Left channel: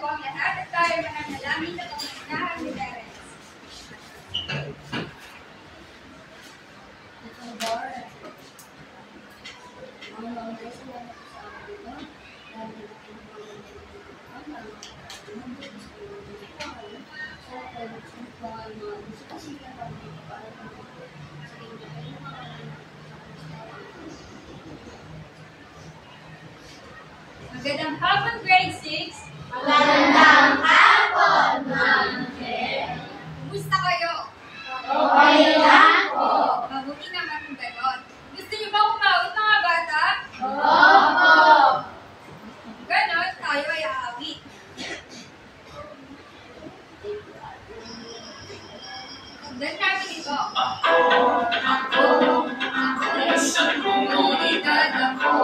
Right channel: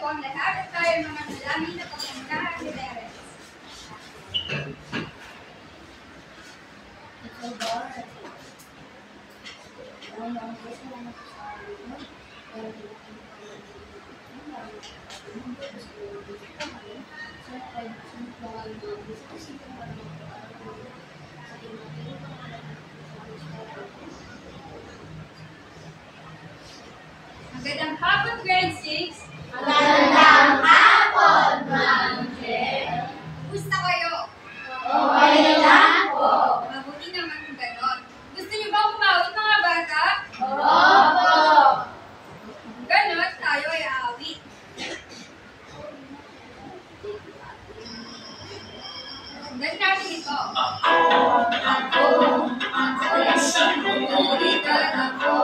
po ang lahat at tayo mga nalamin na pangungkahan ni Terence. Magandang hapon, grade 6. Magandang hapon, Ma'am Claire. Kumusta kayo? Okay lang po. Mabuti naman kung ganon. Gusto niyo ba umawit mga bata? Opo. Ganon, tayo ay aawit. Sundan natin ito. Ako isang komunidad ako.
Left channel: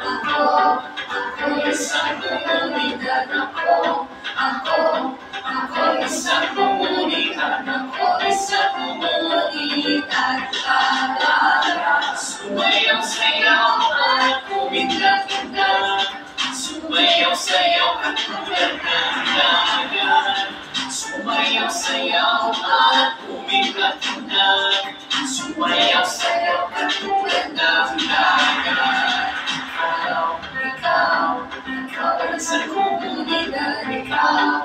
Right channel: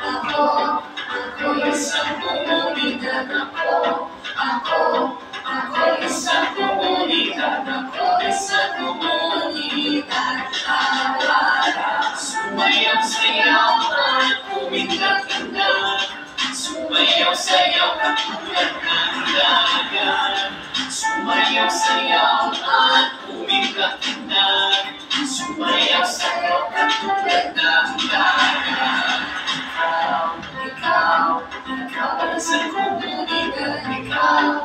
Ako isang komunidad ako. Ako isang komunidad ako. Isang komunidad alala. Sumayaw-sayaw at umingat-ingat. Sumayaw-sayaw katulad ng dagat. Sumayaw-sayaw at umingat-ingat. Sumayaw-sayaw katulad ng dagat. Ikaw ay isang komunidad. Ikaw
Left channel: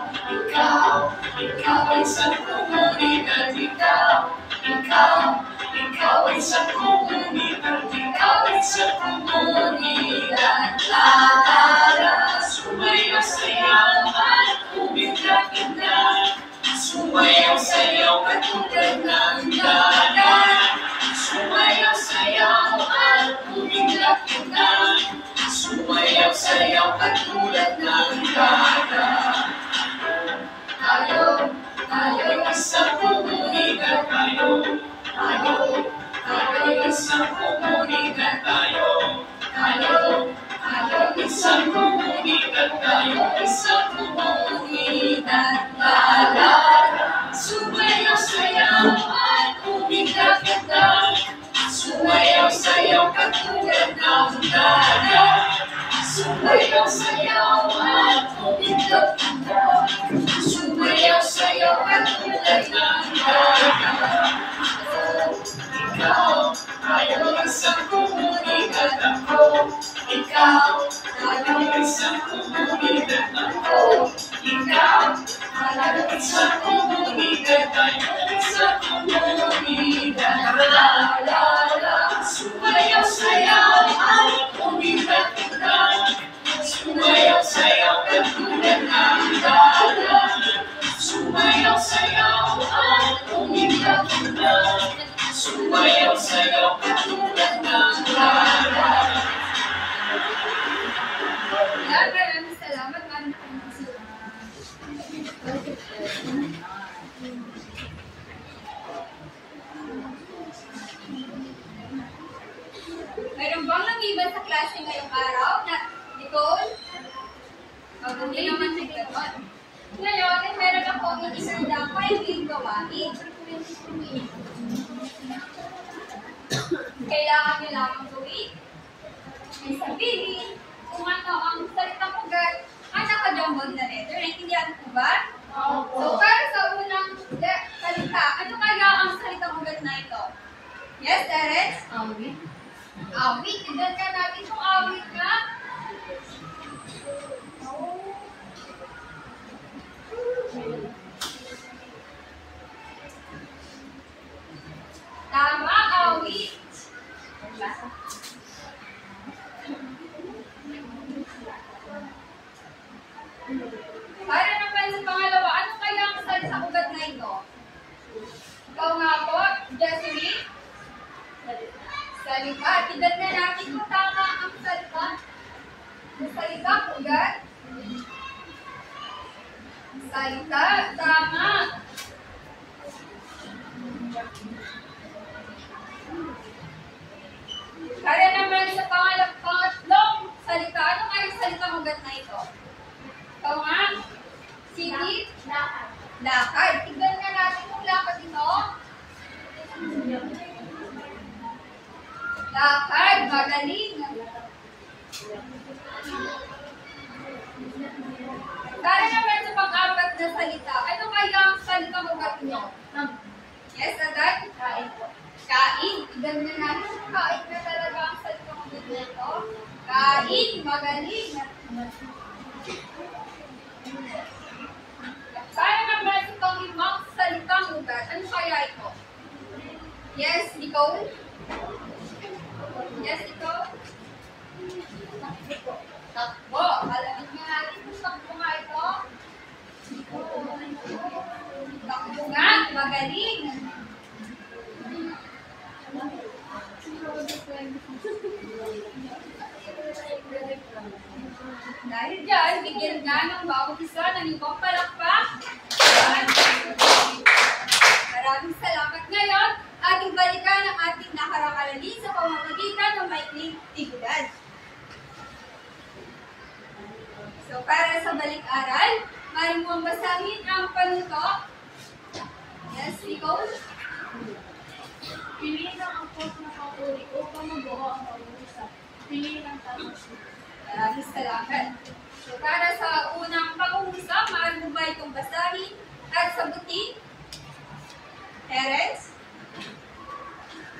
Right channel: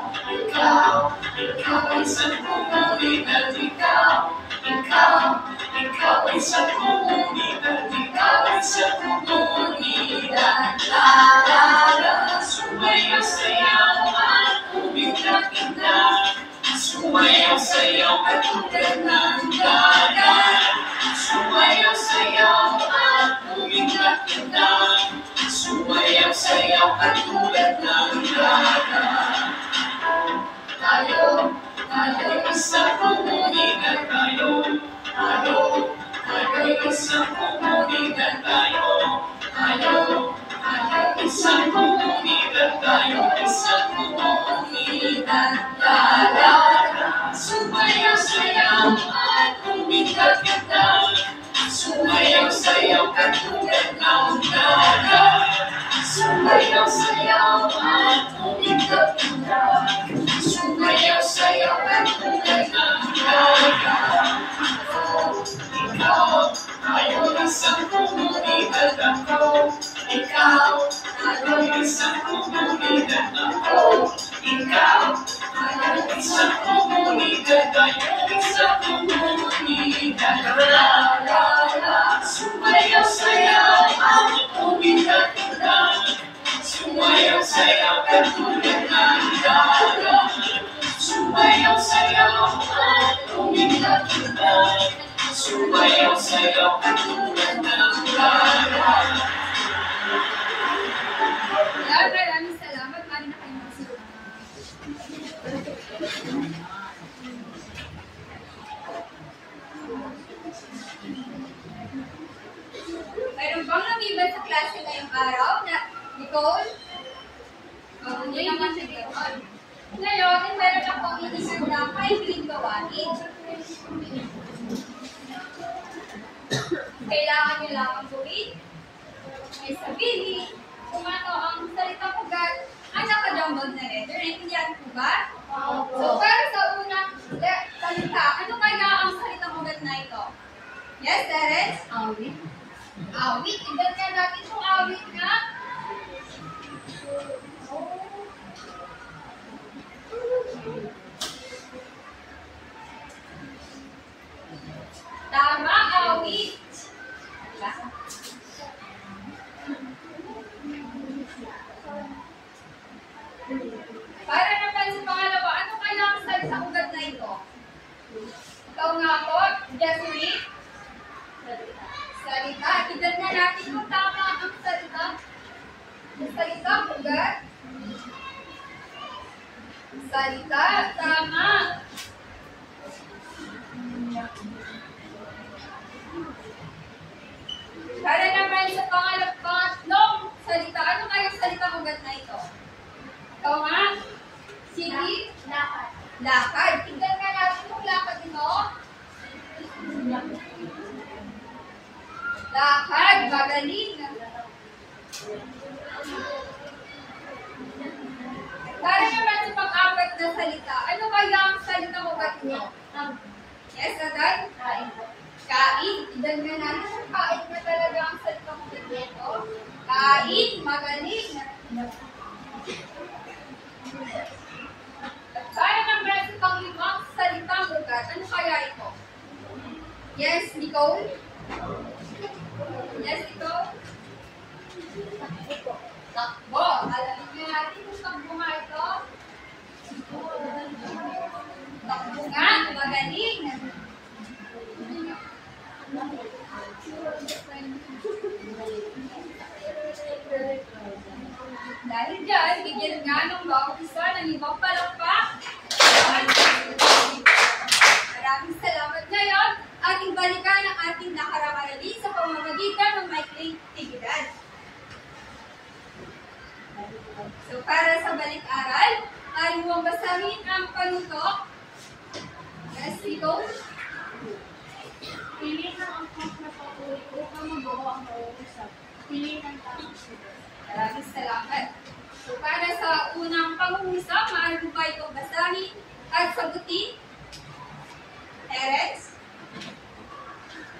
ay isang komunidad. Ikaw ay isang komunidad. Ikaw ay isang komunidad. La la la. Sumayaw-sayaw at umingat-ingat. Sumayaw-sayaw katulad ng dagat. Sumayaw-sayaw at umingat-ingat. Sumayaw-sayaw katulad ng dagat. Tayo isang komunidad tayo. Tayo isang komunidad tayo. Tayo isang komunidad tayo. Isang komunidad. La la la. Sumayaw-sayaw at umingat-ingat. Sumayaw-sayaw katulad ng dagat. Sumayaw-sayaw at umingat-ingat. Sumayaw-sayaw katulad ng dagat. Ikaw, tayo isang komunidad ako. Ikaw, tayo isang komunidad ako. Ikaw, tayo isang komunidad. Tayo isang komunidad. La la la. Sumayaw-sayaw at umingat-ingat. Sumayaw-sayaw katulad ng dagat. Sumayaw-sayaw at umingat-ingat. Sumayaw-sayaw katulad ng dagat. Maraming salamat. Mali na kayo magsulat. Mayroon bang lumiban sa klase ngayong araw na Nicole? Hindi naman si Ganon. Ngayon, ay meron akong inisanda 5 ring gawain. Kailangan nyo lamang gawin ay sabihin kung ano ang salitang ugat ang nakajambag na letter. Naintindihan po ba? So, para sa unang salita, ano kaya ang salitang ugat na ito? Yes, Terence? Awit. Awit. Tignan ka natin kung awit nga. Tama, awit. Para naman sa pangalawa, ano kaya ang salitang ugat na ito? Ikaw nga po, Jasmine? Salita. Tignan na natin kung tama ang salita. Salita, ugat. Salita, tama. Para naman sa pangatlong salita, ano kaya ang salitang ugat na ito? Ikaw nga? Sige? Lakad. Lakad. Tignan nga natin kung lakad ito. Lakad. Magaling. Para naman na salita. Ano kaya ang salitang ugat nyo? Yes, agad? Kain po. Kain. Idan nga natin. Kain na talaga ang salitang ugat nito. Kain. Magaling. Kaya naman itong limang salitang ugat. Ano kaya ito? Yes, Nicole? Yes, Nicole? Takbo. Alamin nga natin kung takbo nga ito. Takbo nga. Magaling. Dahil dyan, bigyan nga ng bawat isa ng ibang palakpak. Maraming salamat ngayon. Ating balikan ang ating nakarang aralin sa pamamagitan ng maikling aktibidad. So, para sa balik-aral, maaari mo ang basahin ang panuto. Yes, Nicole? Piliin ang angkop na papuri upang mabuo ang pag-uusap. Piliin ang tamang sulat. Maraming salamat. So, para sa unang pangungusap, maaari mo ba itong basahin at sagutin? Terence?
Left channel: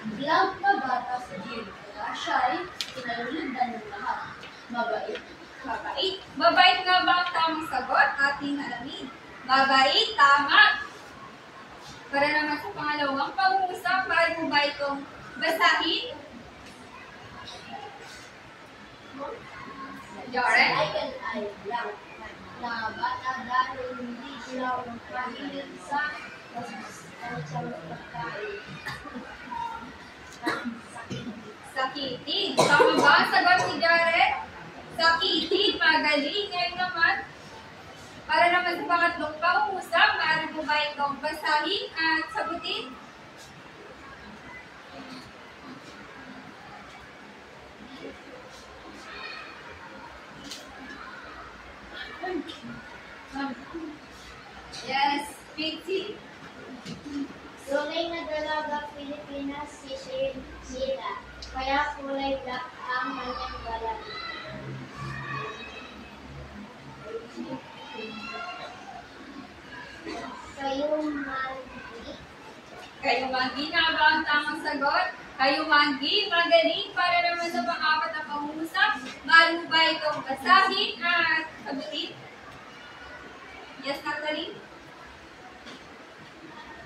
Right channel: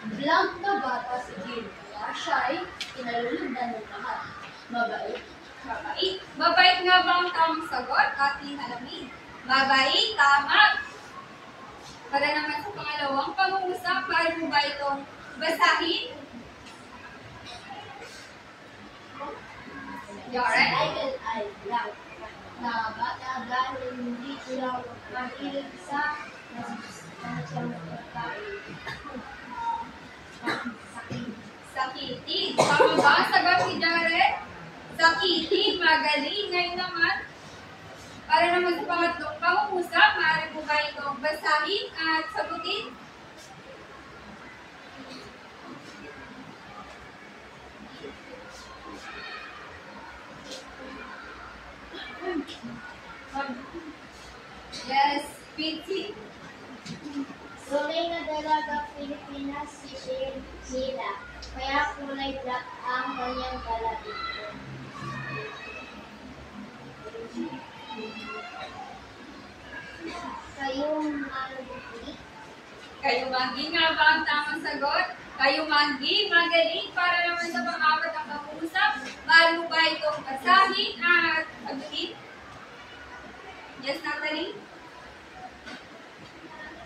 Blank na bata si Jill, kaya siya ay pinalulindan ng lahat. Mabait. Mabait. Mabait nga ba ang tamang sagot? Ating alamin. Mabait, tama. Para naman sa pangalawang pangungusap, maaari mo ba itong basahin? Jaren? Ay blank na bata dahil hindi sila mahilig sa pagkain. Sakitin. Tama ba ang sagot ni Jaren? Sakitin. Magaling. Ngayon naman, para naman sa pangatlong pangungusap, maaari mo ba itong basahin at sagutin? Yes, Pinky. Tunay na dalagang Pilipinas si Sheila, kaya kulay black ang kanyang balat. Kayumanggi. Kayumanggi nga ba ang tamang sagot? Kayumanggi, magaling. Para naman sa pang-apat na pangungusap, maaari mo ba itong basahin at sagutin? Yes, Natalie?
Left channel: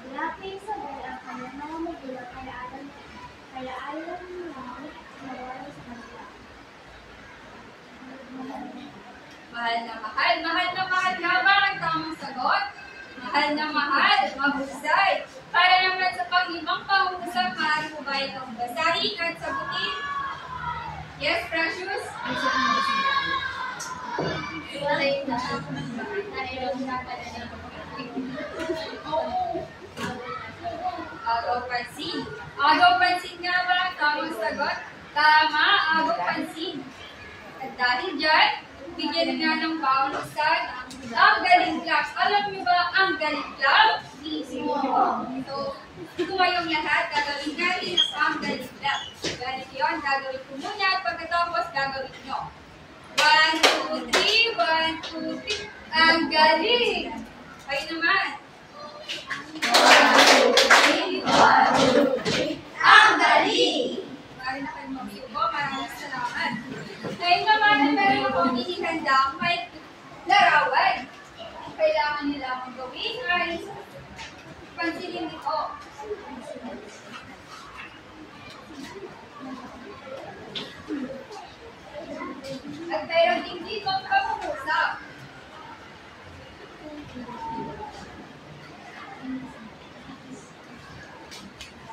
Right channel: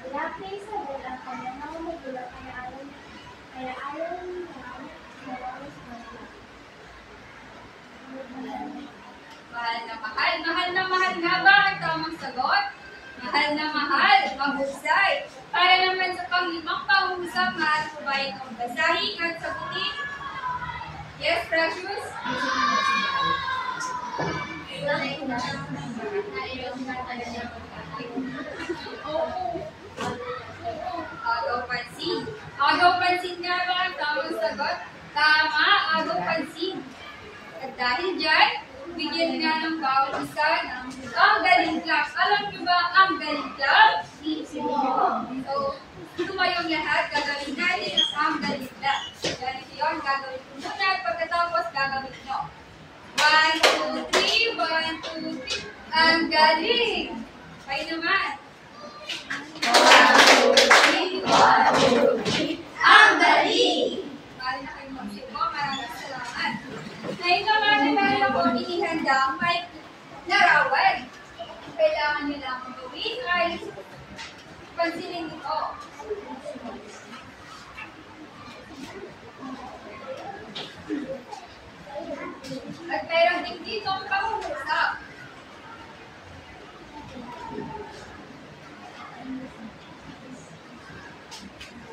Lapay sa bel ang kanyang mga magulang kaya ayaw na mawala sa kanila. Mahal na mahal. Mahal na mahal nga ba ang tamang sagot? Mahal na mahal. Mahusay. Para naman sa pang-ibang pangungusap, maaari mo ba itong basahin at sagutin? Yes, Precious? Agaw pansin. Agaw pansin nga ba ang tamang sagot? Tama, agaw pansin. At dahil dyan, bigyan nga ng bawat isa ng ang galing club. Alam niyo ba ang galing club? So, tumayong lahat, gagawin natin ang galing club. Ganito yun, gagawin ko muna at pagkatapos gagawin nyo. 1, 2, 3, 1, 2, 3. Ang galing! Kayo naman. 1, 2, 3, 1, 2, 3. Ang galing! Mari na kayong mag-iubo. Maraming salamat. Ngayon naman ay meron akong inihandang may larawan. Ang kailangan nila mong gawin ay pansinin ito. At mayroon din dito ang pangungusap.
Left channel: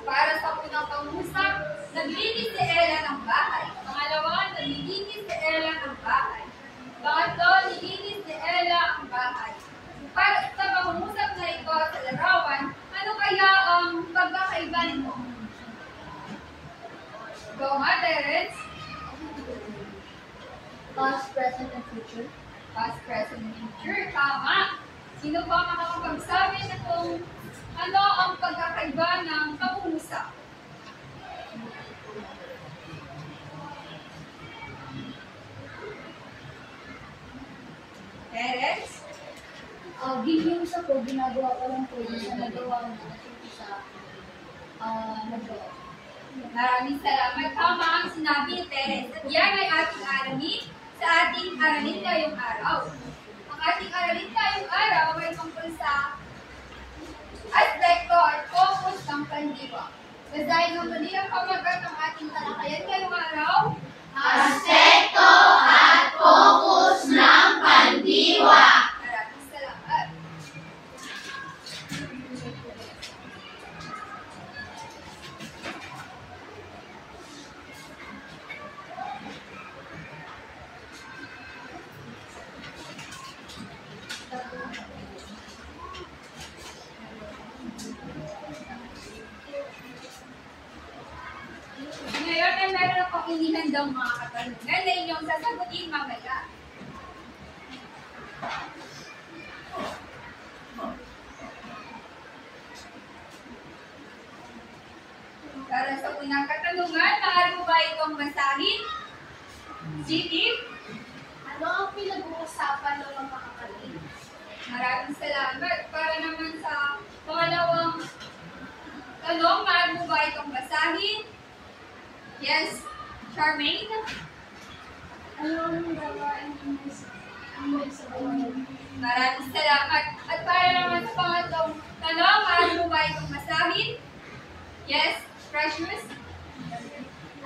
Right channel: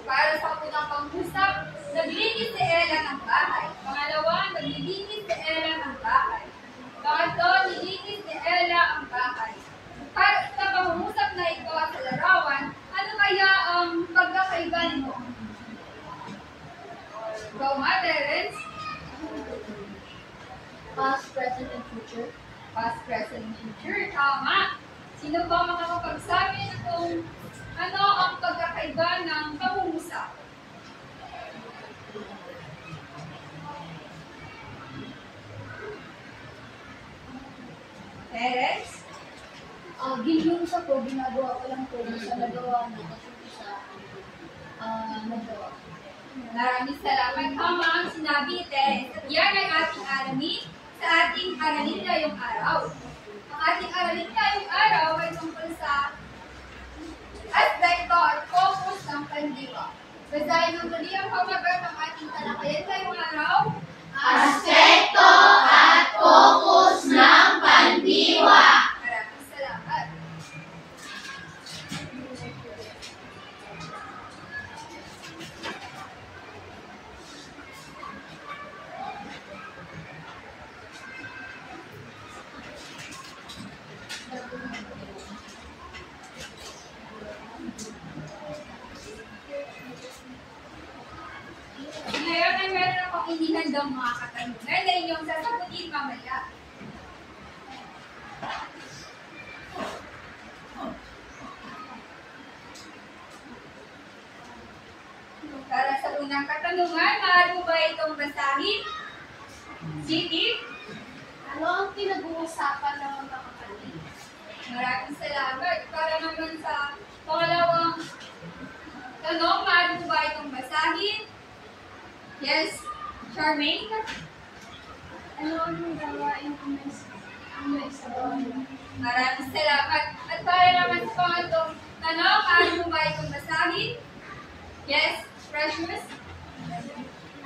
Para sa unang pangungusap, naglinis si Ella ng bahay. Pangalawa, naglilinis si Ella ng bahay. Pangatlo, nilinis ni Ella ang bahay. Para sa pangungusap na ito sa larawan, ano kaya ang pagkakaiba nito? Go nga, Terence. Past, present, and future. Past, present, future. Tama. Sino ba makakapagsabi na kung ano ang pagkakaiba ng pangungusap? Terence? Yung isa po, ginagawa ko lang po sa nagawa na at yung isa, nagawa. Maraming salamat. Tama ang sinabi ni Teres. At yan ay ating aramin sa ating aralin ngayong araw. Ang ating aralin ngayong araw ay tungkol sa aspekto at focus ng pandiwa. Basahin mo muli ang pamagat ng ating talakayan ngayong araw. Aspekto at focus ng pandiwa. Maraming salamat. Ngayon ay meron akong inihandang mga katanungan na inyong sasagutin mamaya. Para sa unang katanungan, maaari mo ba itong basahin? Sige. Ano ang pinag-uusapan ng mga kapatid? Maraming salamat. Para naman sa pangalawang tanong, maaari mo ba itong basahin? Yes, Charmaine? Ano ang gawain ang may sabaw? Maraming salamat. At para naman sa pangatlong tanong, maaari mo ba itong basahin? Yes, Precious?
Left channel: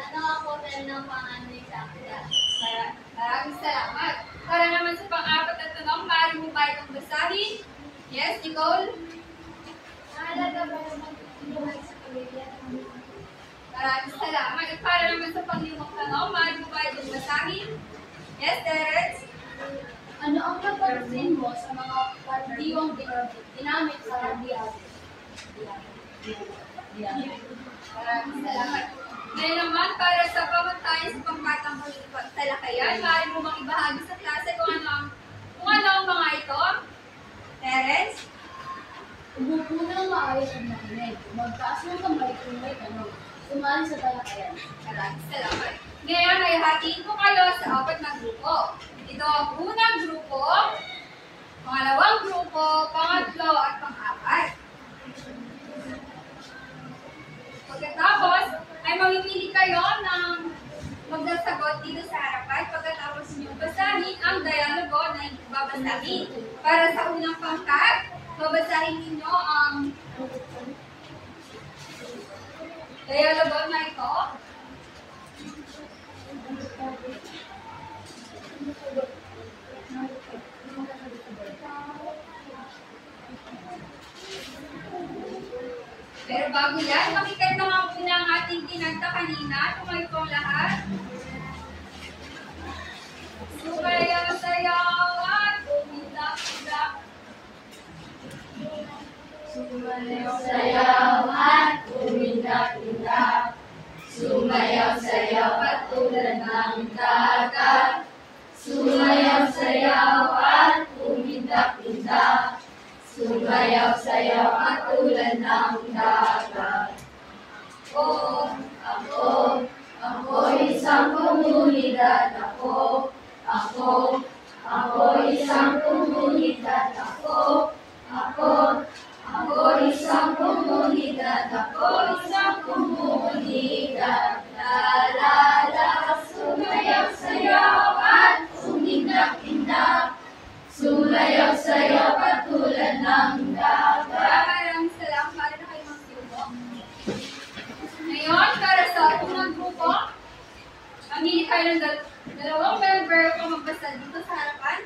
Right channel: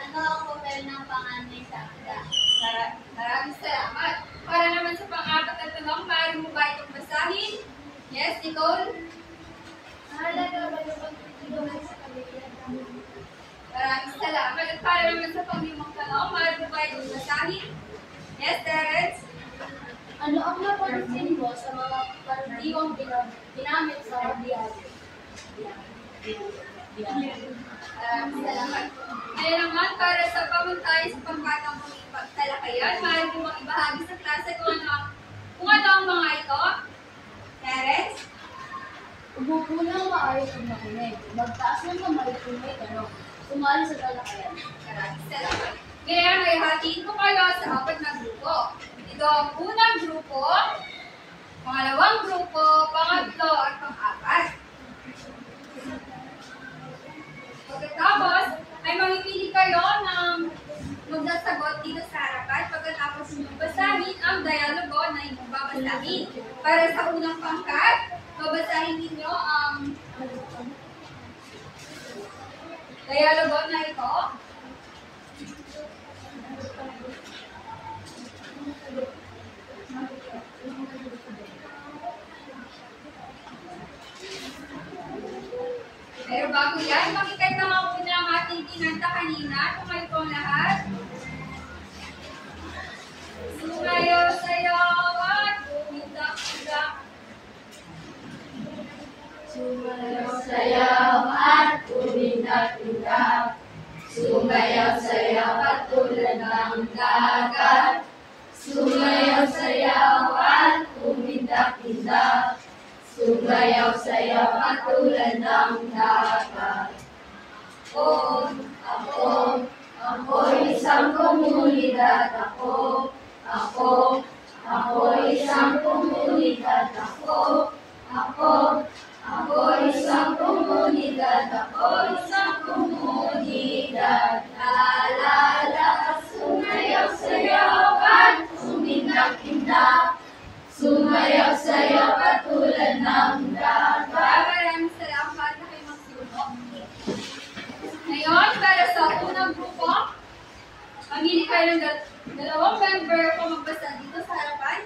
Ano ang papel ng panganay sa akda? Maraming salamat. Para naman sa pang-apat na tanong, maaari mo ba itong basahin? Yes, Nicole? Mahalaga ba yung pagtutulungan sa pamilya? Maraming salamat. At para naman sa pang-limang tanong, maaari mo ba itong basahin? Yes, Terence? Ano ang napansin mo sa mga pandiwang ginamit sa diyan? Maraming salamat. Ngayon naman, para sa pamuntay sa pangkatang pagtalakayan, maaari mo bang ibahagi sa klase kung ano ang mga ito? Terence? Umupo ng maayos at makinig. Magtaas ng kamay kung may tanong. Sumali sa talakayan. Maraming salamat. Ngayon ay hatiin ko kayo sa apat na grupo. Ito ang unang grupo, pangalawang grupo, pangatlo at pang-apat. Pagkatapos, ay mamimili kayo ng magsasagot dito sa harapan. Pagkatapos niyo basahin ang dialogo na inyong babasahin. Para sa unang pangkat, babasahin ninyo ang dialogo na ito. Pero bago yan, makikat na nga muna ang ating kinanta kanina. Tumayo po ang lahat. Sumayo, sayaw, at umidak-idak. Sumayaw, sayaw at umindak-indak. Sumayaw, sayaw at tulad ng dagat. Sumayaw, sayaw at umindak-indak. Sumayaw, sayaw at tulad ng dagat. Oo, Ako isang komunidad. Ako isang komunidad. Ako isang komunidad. Ako isang komunidad. La la la, sumayaw, sayaw at umindak-indak. Sumayaw, sayaw at tulad ng dagat. maraming salamat. Para na kayo magsiubo. Ngayon, para sa unang grupo, mamili kayo ng dalawang member kung magbasa dito sa harapan.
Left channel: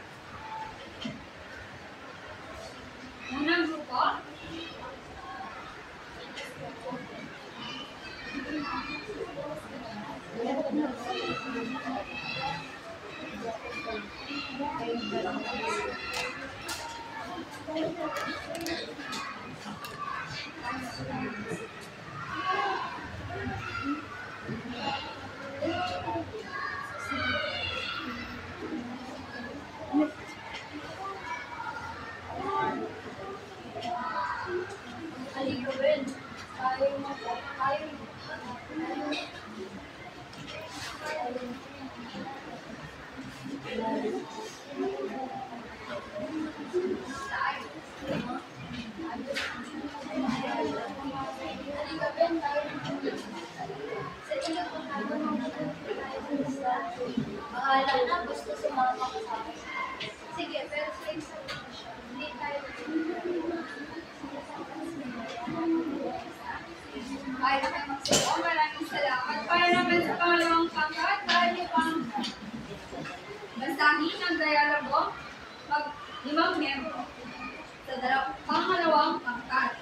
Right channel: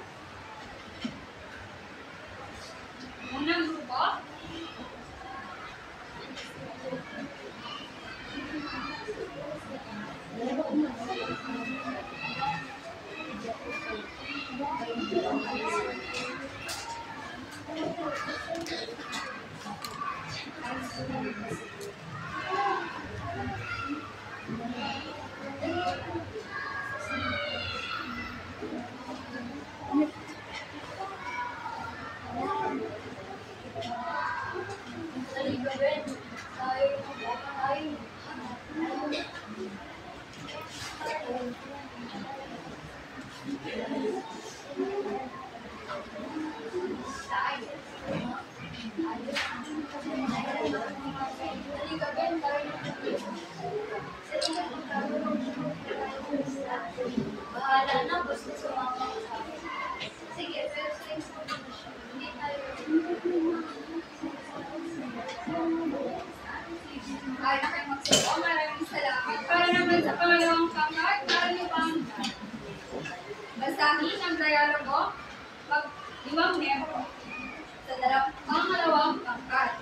dialogo, mag-limang miyembro sa pangalawang pangkat.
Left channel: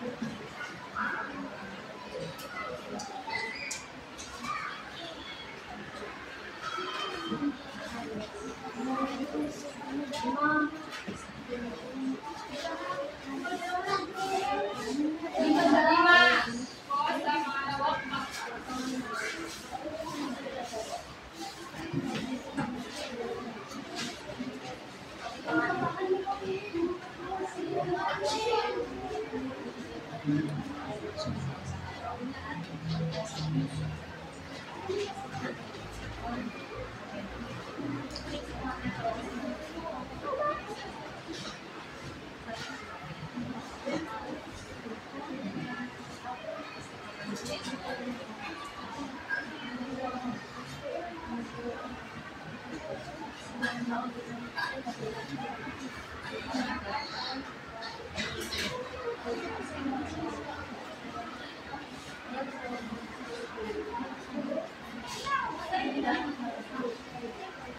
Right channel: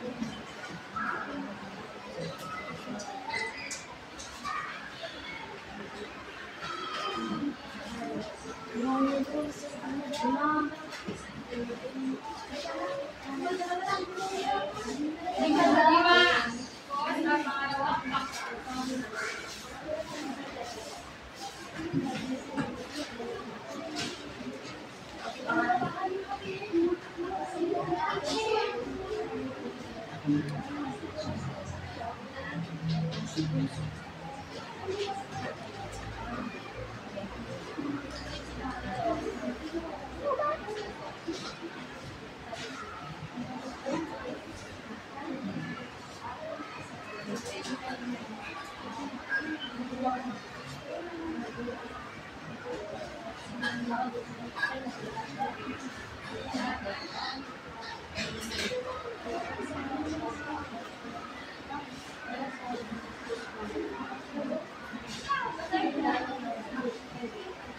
Lima po sa pangalawang pangkat.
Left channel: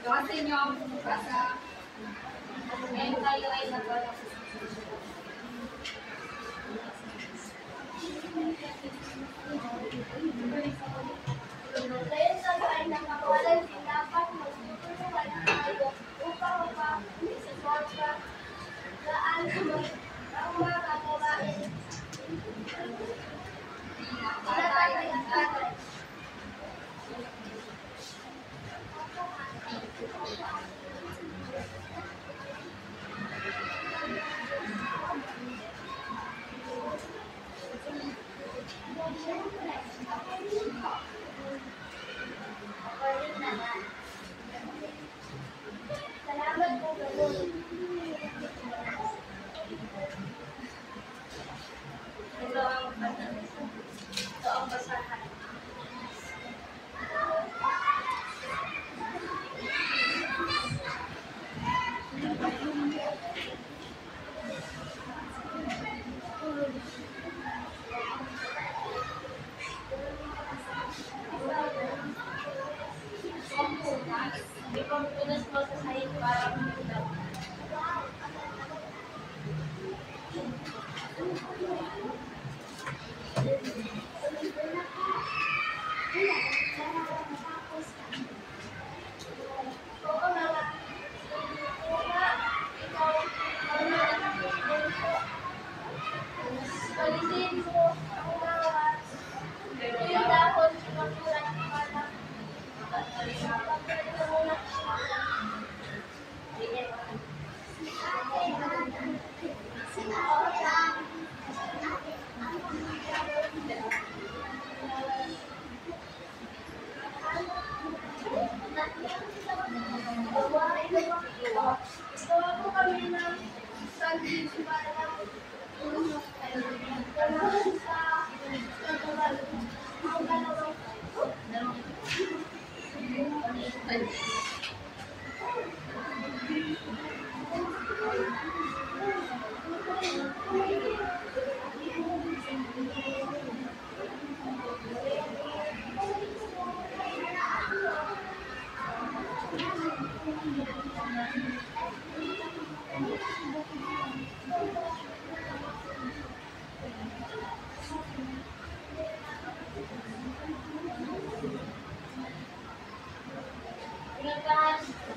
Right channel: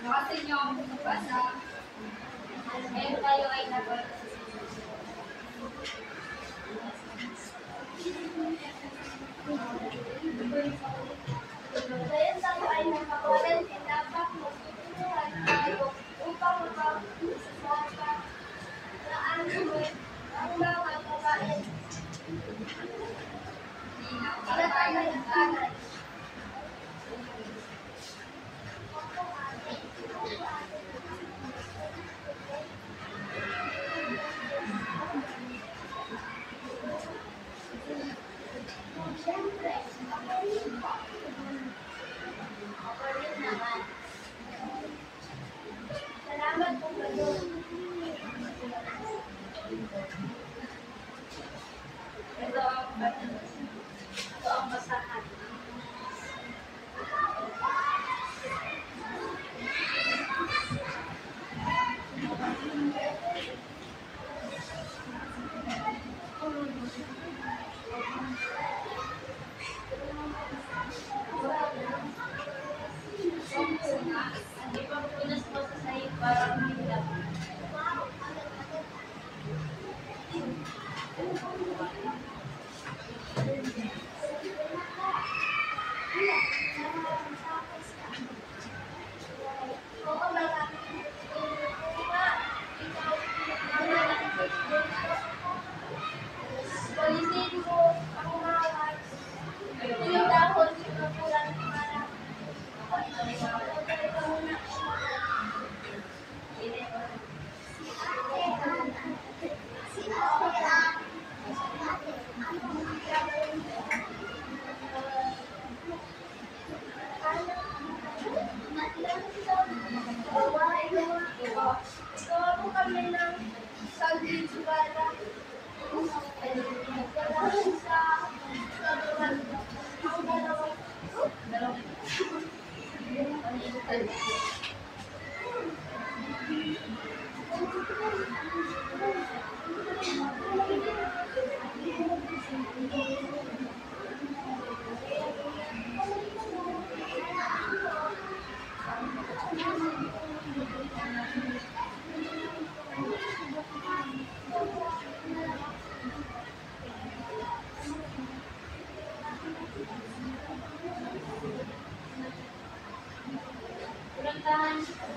Kasi nyo ang basa. Ngayon tayo ay nagwala. Ngayon tayo ay nakawalan din dapat magtutulungan tayo upang mapag-isasawa gaan ang mga gawain. Pinatay ang tagay. Siyempre, ako rin naman. Salamat po ganun. Ito ang basahan. Ipampunas mo sa sahig para humigdap. Oo nga. Ikaw, palisin mo ang mawat. Yung dahon, sinapuran para pagkakita muna. Gawa po kami ng sandwich para sa kagawan. Ang dalawang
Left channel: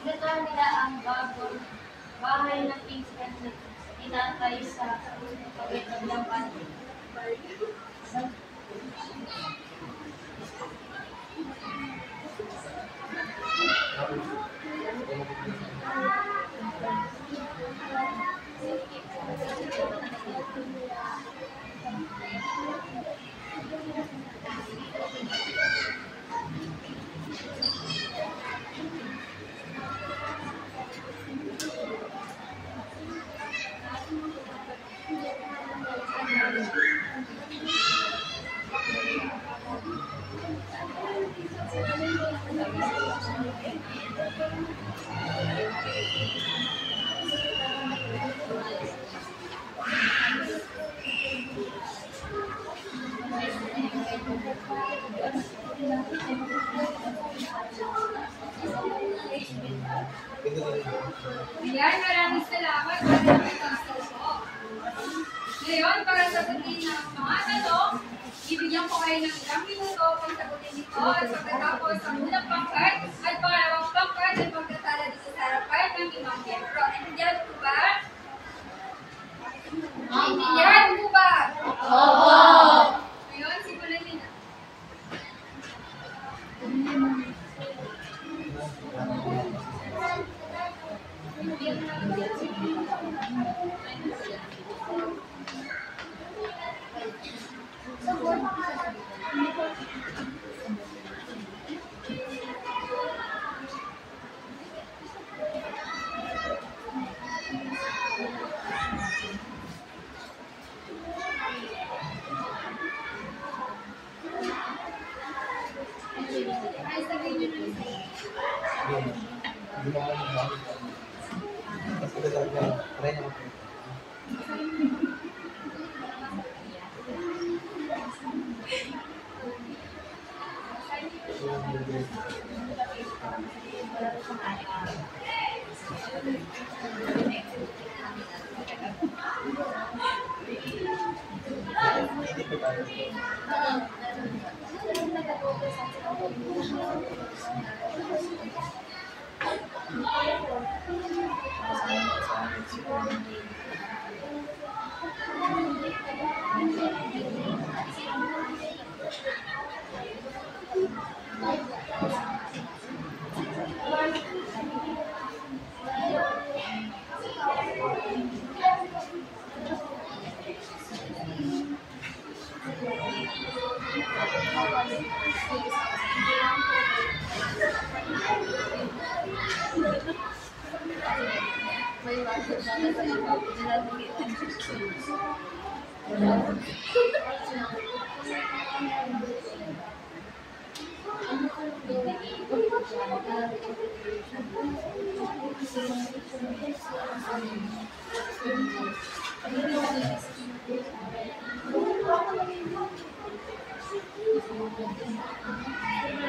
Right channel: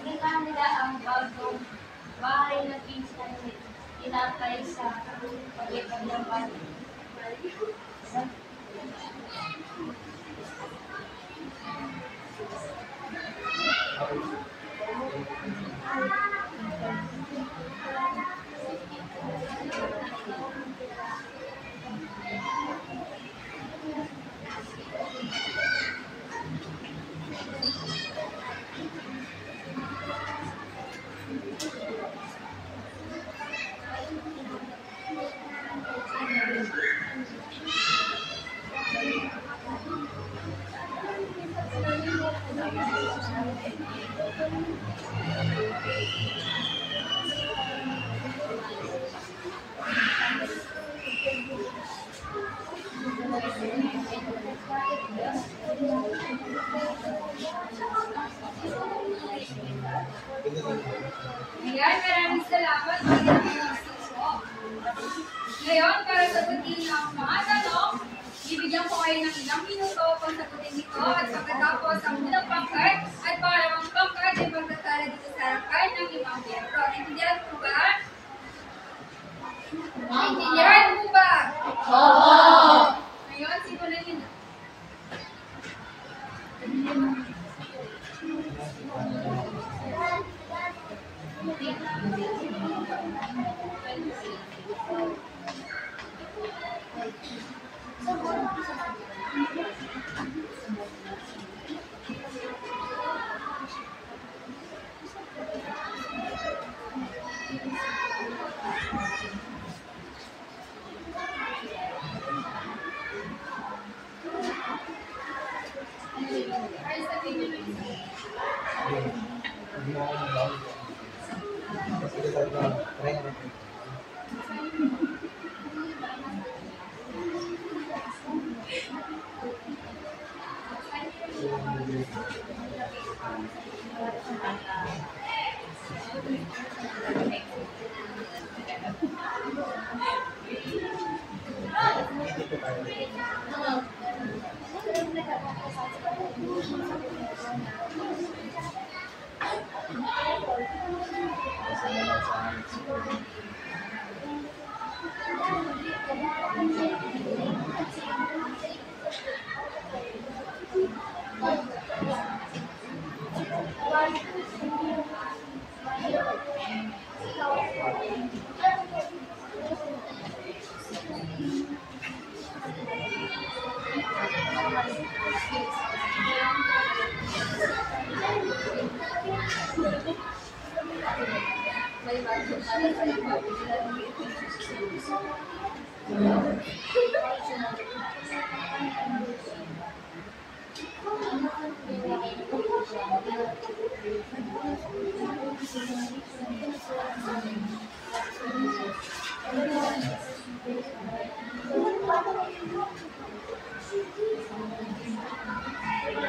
pinuntahan nila ang bagong bahay ng pinsan ni Itatay sa Pagkakabyapan. kayo ng ilang minuto kung sagutin ito at pagkatapos ang unang pangkat at pangalawang pangkat ay pagkasala dito sa harapan ng limang miyembro. Naintindihan po ba? Naintindihan po ba? Oo! Ngayon, simulan niyo na. Ay, sabihin niyo na isa.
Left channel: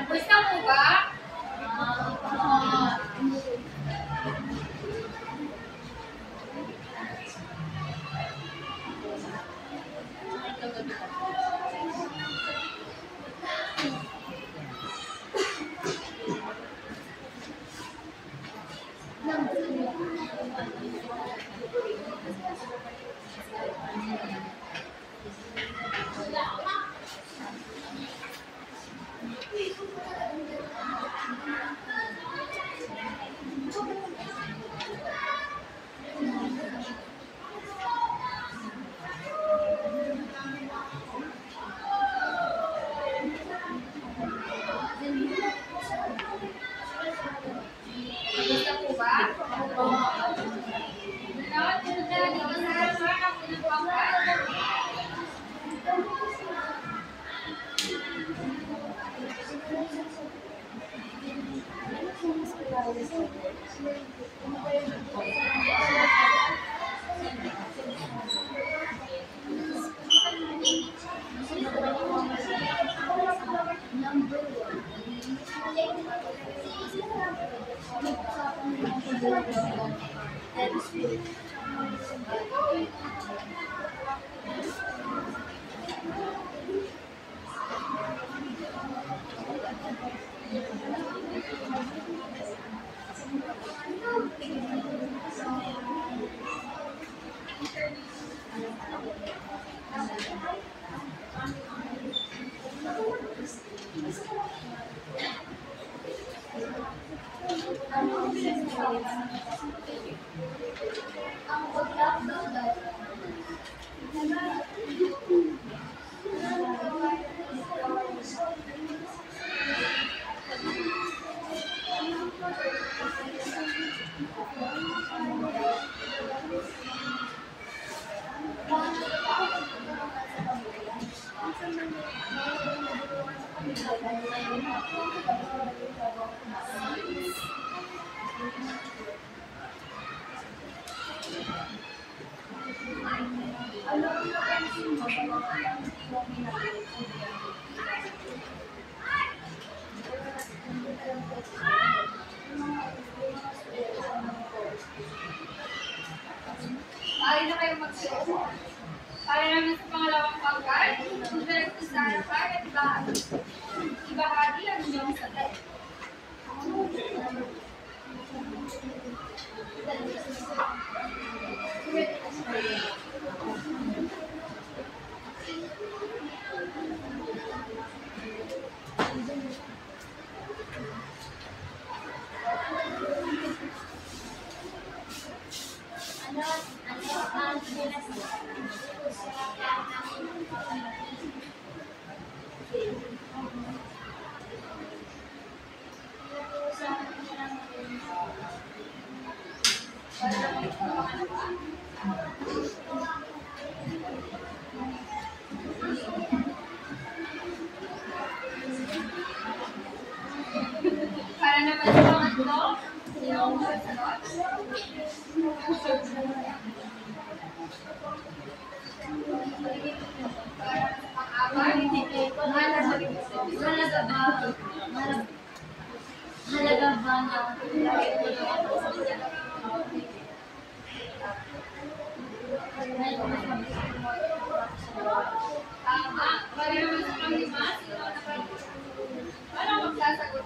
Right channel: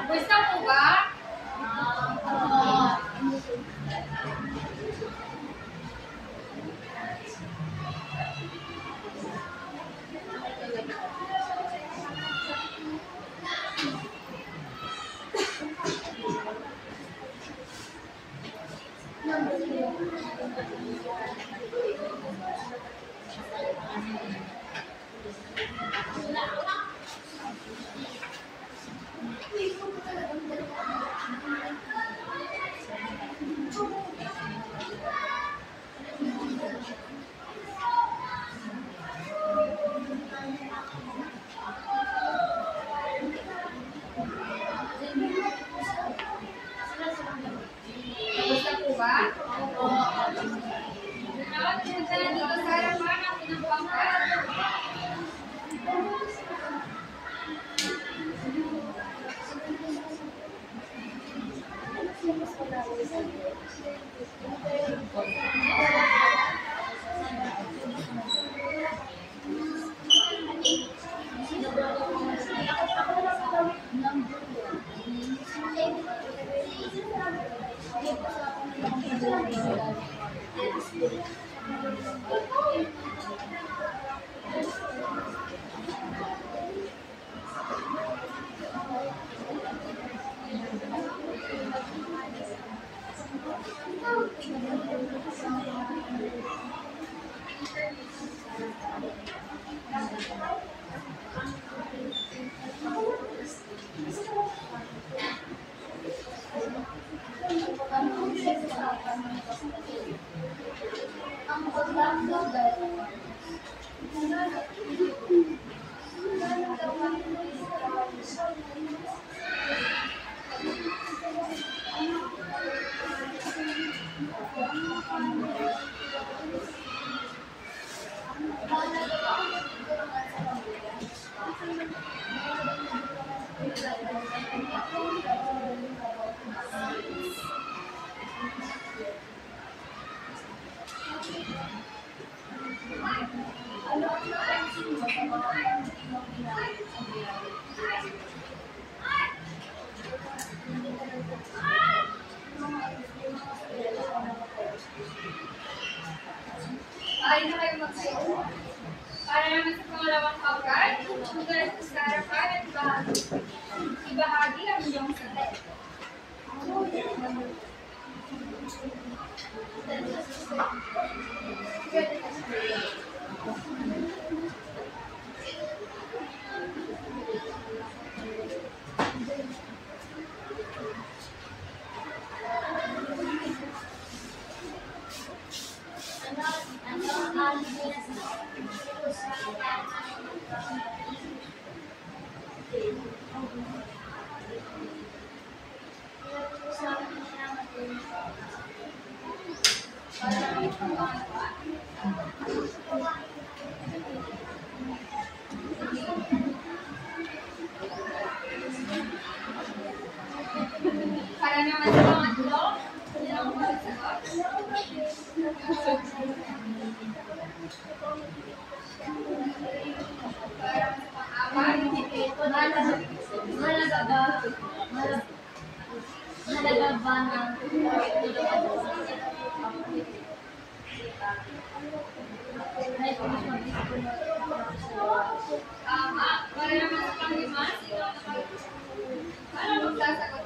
Gusto mo ba? Gusto po ba? Now, punta na dito sa harapan ang unang pangkat. Ay na kayo mag-share. Para naman sa pangalawang pagkat, sumunod sa harapan at ibahagi ang inyong sagot. Ano ang usapan ng Para naman sa pangatlo, sino ang masasagot? Para sa pang-apat, Halaga ba ng tama. Para naman sa pang-lima, sino ang paano magsasagot?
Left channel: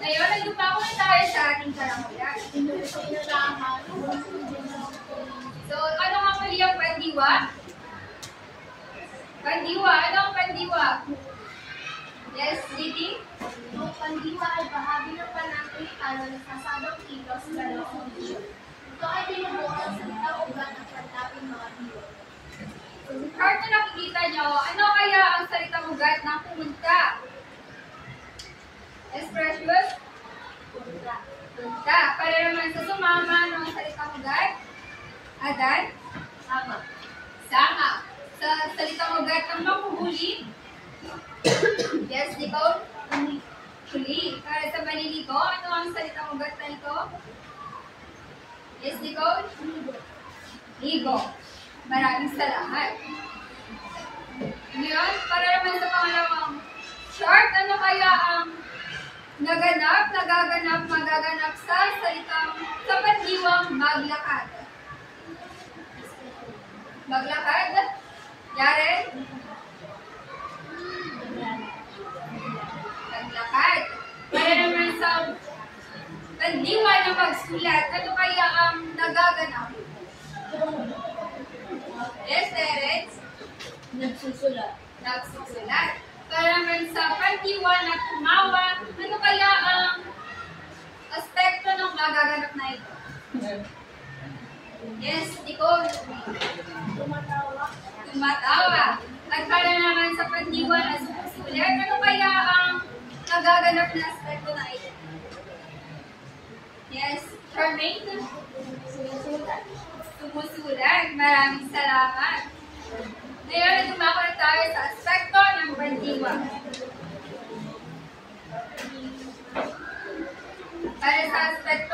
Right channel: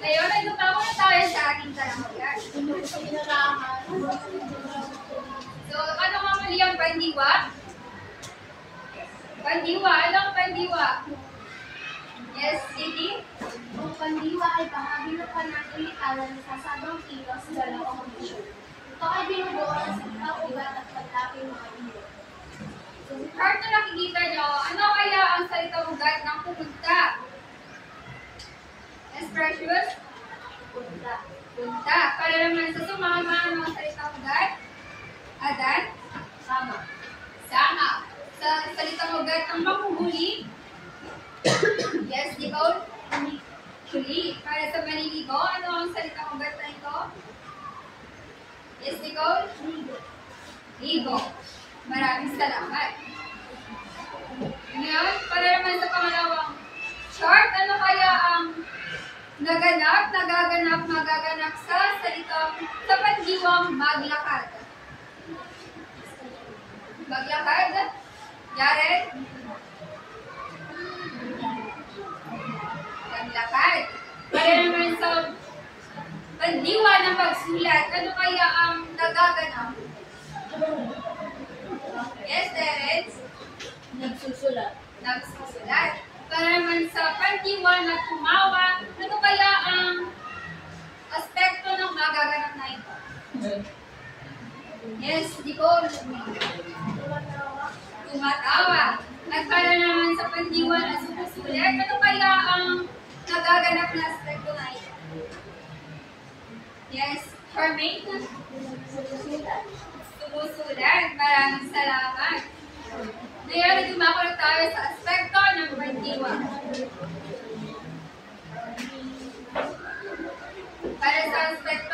Ngayon, ay lumako na tayo sa ating karangalan. So, ano nga mali ang pandiwa? Pandiwa, ano ang pandiwa? Yes, Didi? Ang pandiwa ay bahagi ng panangalikaran sa sabang kilos sa dalawang kondisyon. Ito ay binubuo sa salitang ugat at panlaping mga diwa. So, sa chart na nakikita nyo, ano kaya ang salitang ugat ng pumunta? Yes, Precious? Punta. Punta. Para naman sa sumama ng salitang ugat? Adan? Sama. Sama. Sa salitang ugat ng manghuhuli? Yes, Nicole? Huli. Para sa maniligo, ano ang salitang ugat na ito? Yes, Nicole? Ligo. Ligo. Maraming salamat. Ngayon, para naman sa pangalawang chart, ano kaya ang nagaganap, magaganap sa salitang sa pandiwang maglakad? Maglakad? Yaren? Maglakad. Para naman sa pandiwa ng pagsulat, ano kaya ang nagaganap? Yes, Terence? nagsusulat? Nagsusulat. Para naman sa pandiwa na tumawa, ano kaya ang aspekto ng magaganap na ito? Yes, Nicole. Tumatawa. At para naman sa pandiwa na sumusulat, ano kaya ang nagaganap na aspekto na ito? Yes, Charmaine? Sumusulat. Maraming salamat. Ngayon, ay dumako na tayo sa aspekto ng pandiwa. Para sa aspekto,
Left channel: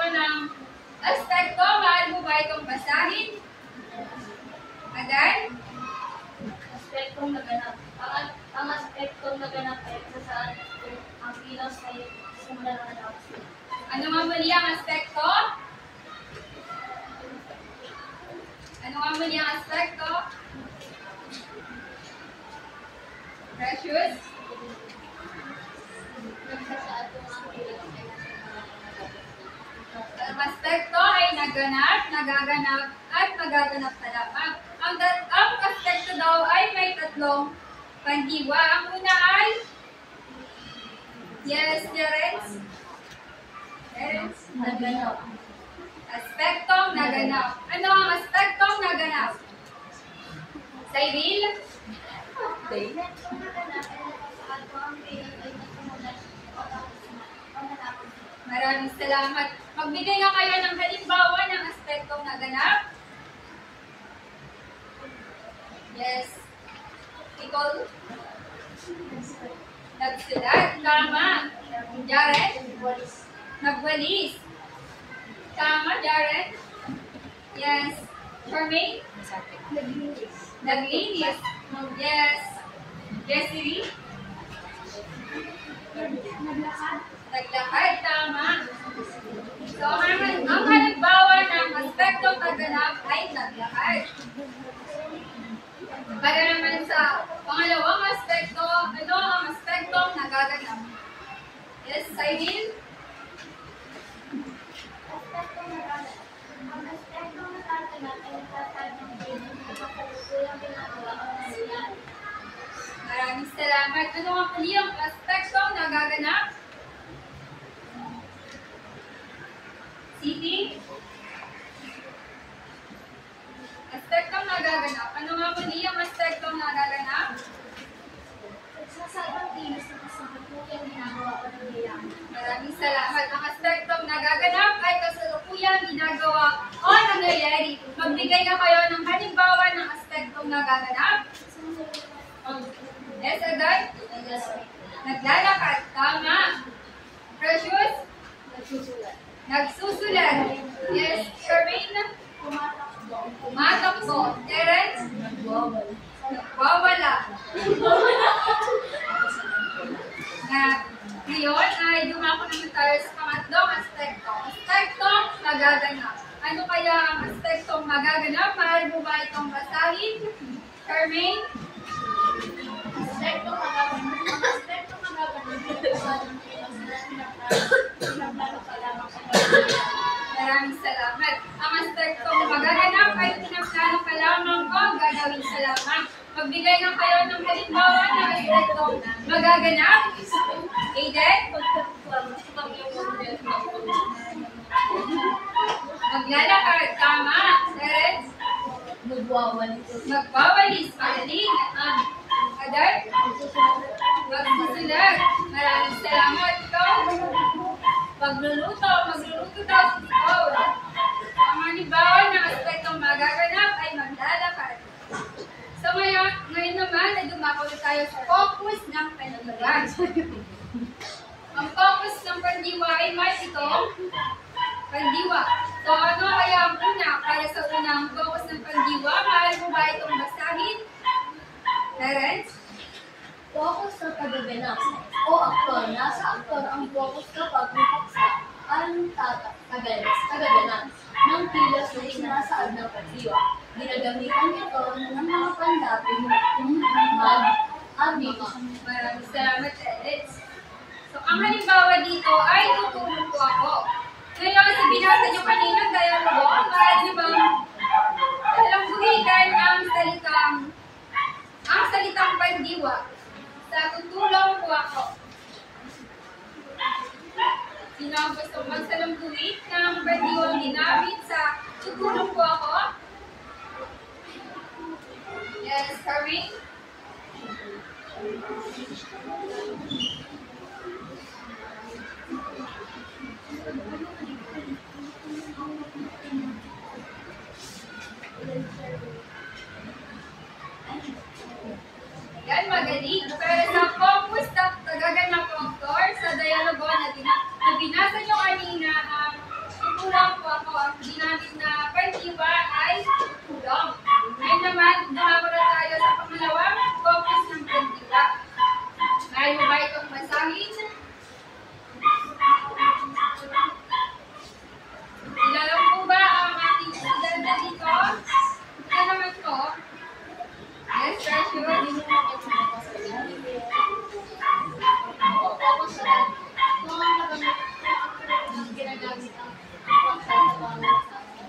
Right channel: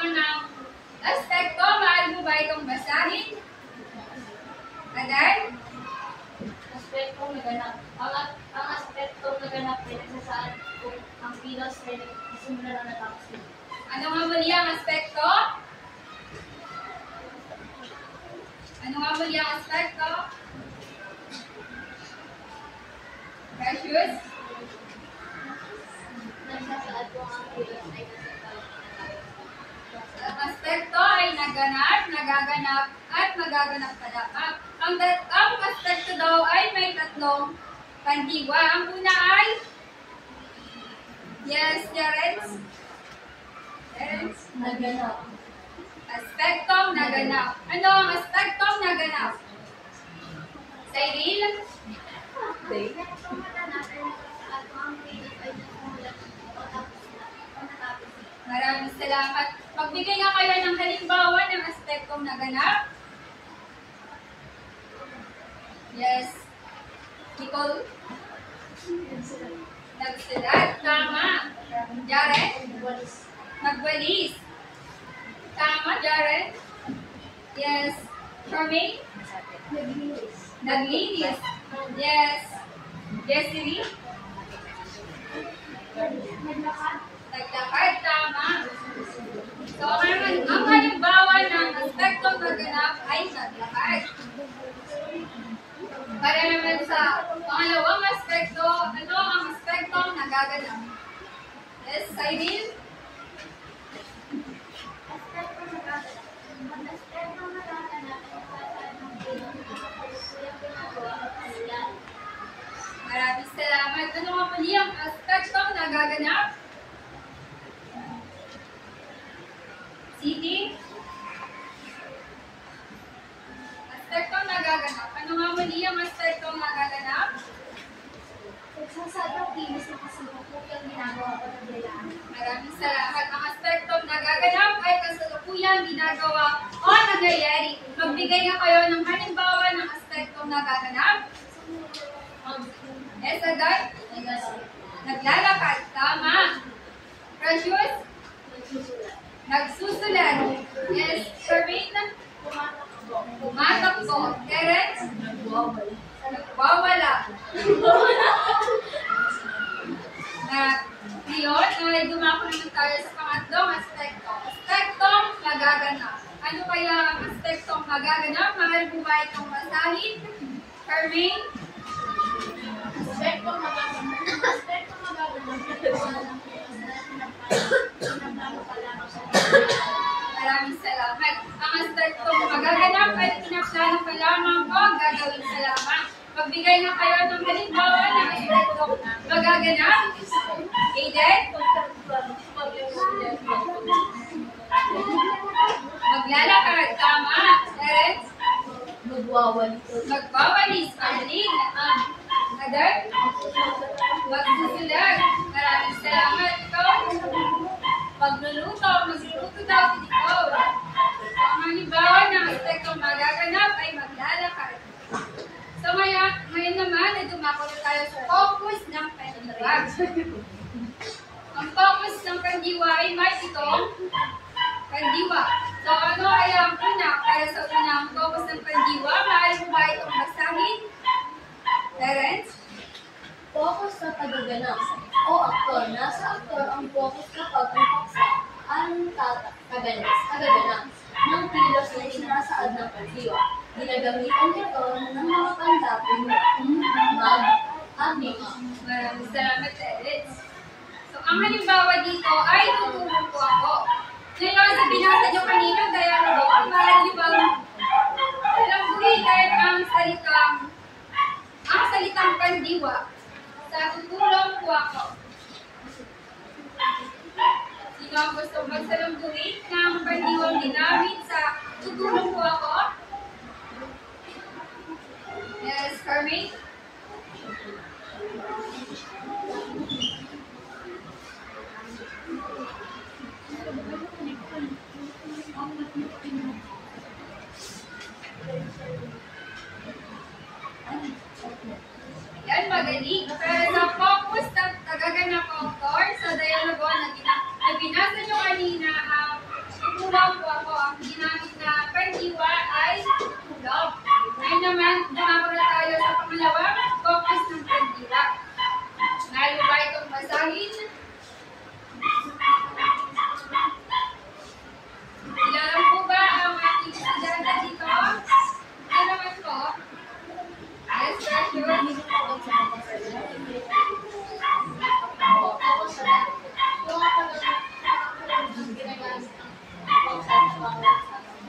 mahal mo ba itong basahin? Adan? Aspektong naganap. Ang aspektong naganap ay nasaan kung ang kilos ay simula na natapos. Ano nga muli ang aspekto? Ano nga muli ang aspekto? Precious? Nagsasaad kung ang kilos ay Ang aspekto ay naganap, nagaganap, at magaganap pa lamang. Ang aspekto daw ay may tatlong pandiwa. Ang una ay yes, Terence? Terence? Naganap. Aspektong naganap. Ano ang aspektong naganap? Cyril? naganap ay nagsasaad kung ang kilos ay nasimula o natapos. Maraming salamat. Magbigay nga kayo ng halimbawa ng aspektong naganap. Yes. Nicole? Nagsulat. Tama. Jaren? Walis. Nagwalis. Tama, Jaren? Yes. Charmaine? Naglinis. Naglinis. Yes. Jessery? Naglakad. Naglakad. Tama. So, ang halimbawa ng aspektong naganap ay naglakad. Para naman sa pangalawang aspekto, ano ang aspektong nagaganap? Yes, Cyril? Ang aspektong nagaganap ay nagtatag ng bilang kasalukuyang ginagawa o nangyayari. Maraming salamat. Ano nga muli ang aspektong nagaganap? Siti? Aspektong nagaganap. Ano nga muli ang aspektong nagaganap? Nagsasadang kilos na kasalukuyang ginagawa o nangyayari. Maraming salamat. Ang aspektong nagaganap ay kasalukuyang ginagawa o nangyayari. Magbigay nga kayo ng halimbawa ng aspektong nagaganap. Yes, agad? Naglalakad. Tama. Precious? Nagsusulat. Nagsusulat. Yes. Charmaine? Tumatakbo. Tumatakbo. Terence? Nagwawal. Nagwawala. Na ngayon ay dumako naman tayo sa pangatlong aspekto. Aspektong magaganap. Ano kaya ang aspektong magaganap? Mahal mo ba itong basahin? Charmaine? Aspektong magaganap. Ang aspektong magaganap ay kung ng kilos na pinaplano pa lamang sa pagkakataon. Maraming salamat. Ang aspektong magaganap ay pinaplano pa lamang o gagawin sa lamang. Magbigay na kayo ng halimbawa ng aspektong magaganap. Aiden? Maglalakad. Tama. Terence? Nagwawal. Magwawalis. Arlene? Adar? Magsusulat. Maraming salamat. Ikaw? Magluluto. Magluluto daw si Nicole. Ang halimbawa ng aspektong magaganap ay maglalakad. So ngayon naman ay dumako na tayo sa focus ng pandiwa. Ang focus ng pandiwa ay may itong pandiwa. So ano kaya ang una? Para sa unang focus ng pandiwa, maaari mo ba itong basahin? Terence? Focus sa tagaganap o aktor. Nasa aktor ang focus kapag ang paksa ang tagaganap ng kilos na isinasaad ng pandiwa. Ginagamitan ito ng mga pandapin kung mag-abik. Maraming salamat, Terence. So ang halimbawa dito ay tutulong po ako. Ngayon, sa binasa nyo kanina, dialogo, maaari nyo bang buhitan ang salitang pandiwa sa tutulong po ako? Sino ang gusto magsalangguhit ng pandiwang ginamit sa tutulong po ako? Yes, Carmen? Yan, magaling. Pero sa focus ng tagaganap aktor, sa dialogo na binasa nyo kanina, ang tutulong po ako, ang ginamit na pandiwa ay tulong. Ngayon naman, dumako na tayo sa pangalawang focus ng pandiwa. Ngayon ba itong basahin? Ilalang po ba ang ating estudyante dito? Ito naman po. Yes, Precious. Ginagamit ang pagsasabangan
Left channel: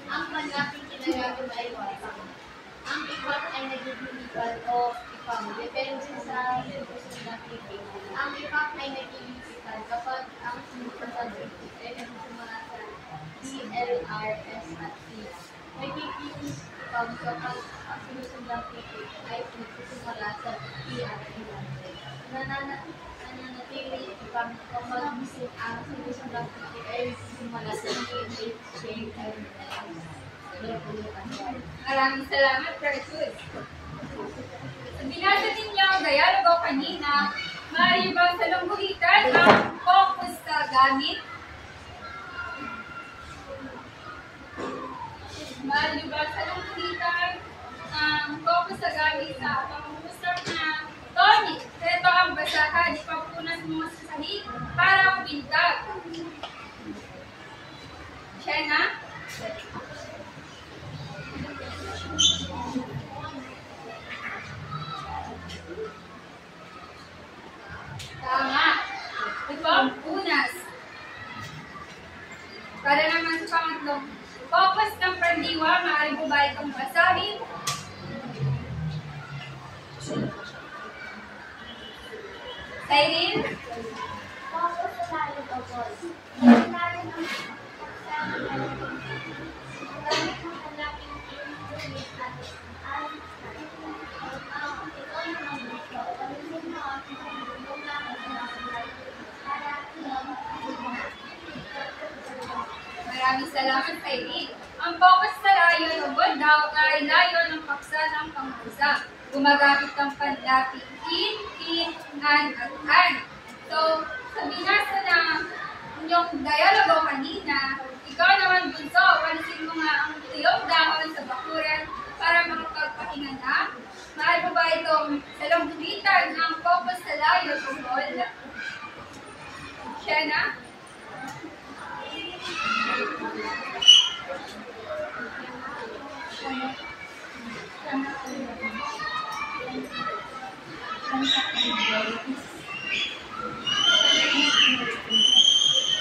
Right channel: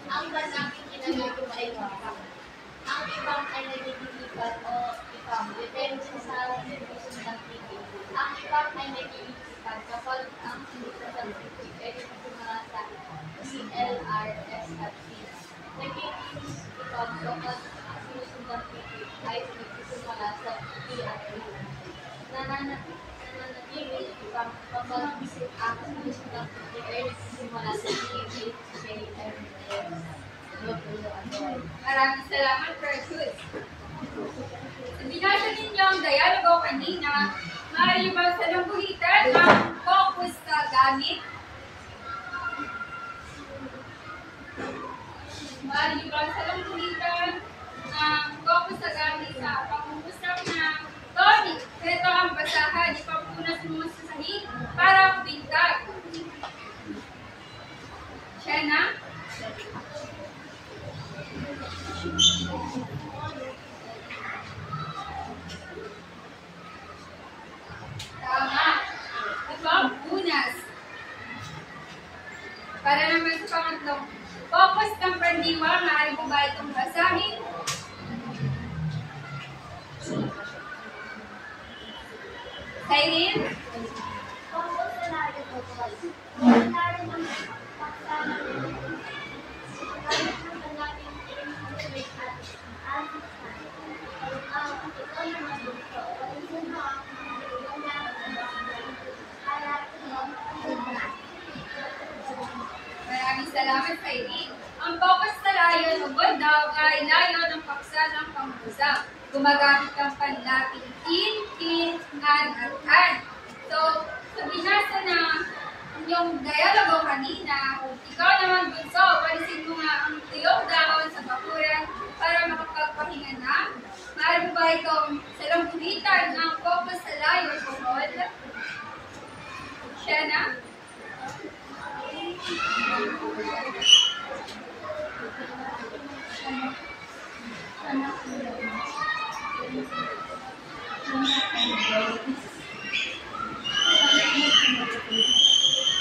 ang panlapit ginagamit ay ipak. Ang ipak ay nagtitilipan o ipam. Depende sa institution ng titik. Ang ipak ay nagtitilipan kapag ang sinusunod ng titik ay nagsimula sa ELRS at T. Nagtitilis ipam kapag ang sinusunod ng titik ay nagsimula sa T at T. Nananatili ipam kapag ang sinusunod ng titik ay nagsimula sa T, H, J, M, L, W, at Y. Maraming salamat, Precious. Sa binasa ninyo ang dialogo kanina, maaari ba salungguhitan ang focus gamit. Maaari niyo ba sa lungkulitan ang focus sa gamit sa pangungusap na tonic. Ito ang basahan, ipapunas mo sa sahig para kubintag. Siya na? Tama. Ipapunas. Para naman sa pangatlong focus ng pandiwa, maaari mo ba itong basahin? Cyril? Focus sa layo o goal. Lalo ng pagsama ng gamit ng hanapin in at alisan. Ito naman dito. Walisin mo ang tulong na para tulong. Maraming salamat, Cyril. Ang focus sa layo o goal daw ay layo ng paksa ng pangusap. Gumagamit ng panlapit in, an, at an. So, sa binasa na yung dialogo kanina, ikaw naman bunso, palisin mo nga ang tuyong dahon sa bakuran para makapagpahinga na. Maaari mo ba itong salungkulitan ng focus sa layo tungkol? Siya na?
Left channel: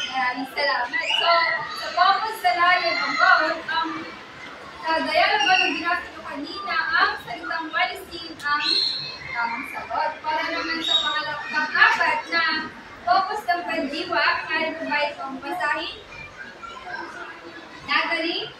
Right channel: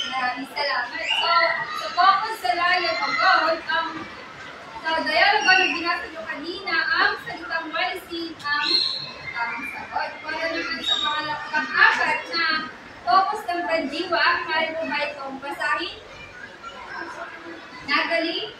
Maraming salamat. So, sa focus sa layo o goal, sa dialogo na binasa nyo kanina, ang salitang walisin ang tamang sagot. Para naman sa pang-apat na focus ng pandiwa, maaari mo ba itong basahin? Natalie?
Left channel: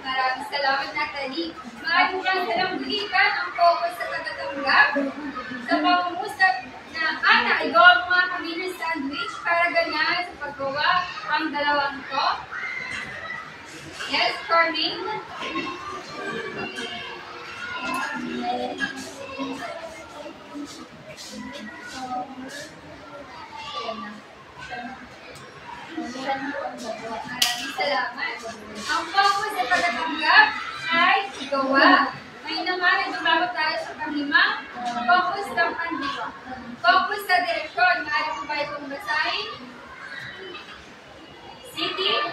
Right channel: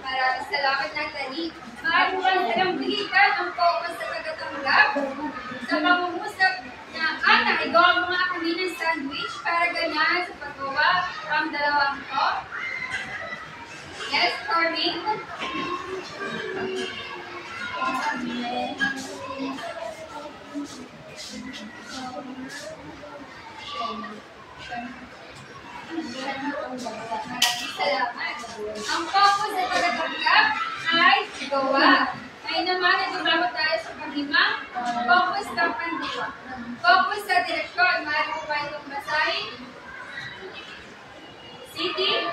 Maraming salamat, Natalie. Maaari mo lang salang bulitan ang focus sa pagkatanggap sa pangungusap na Ana, igawa mo nga kami ng sandwich para ganyan sa paggawa ang dalawang to. Yes, Carmine? Maraming salamat. Ang focus sa pagkatanggap ay gawa. Ngayon naman, nagbabago tayo sa panglimang focus ng pandiwa. Focus sa direksyon. Maaari mo ba itong basahin? City?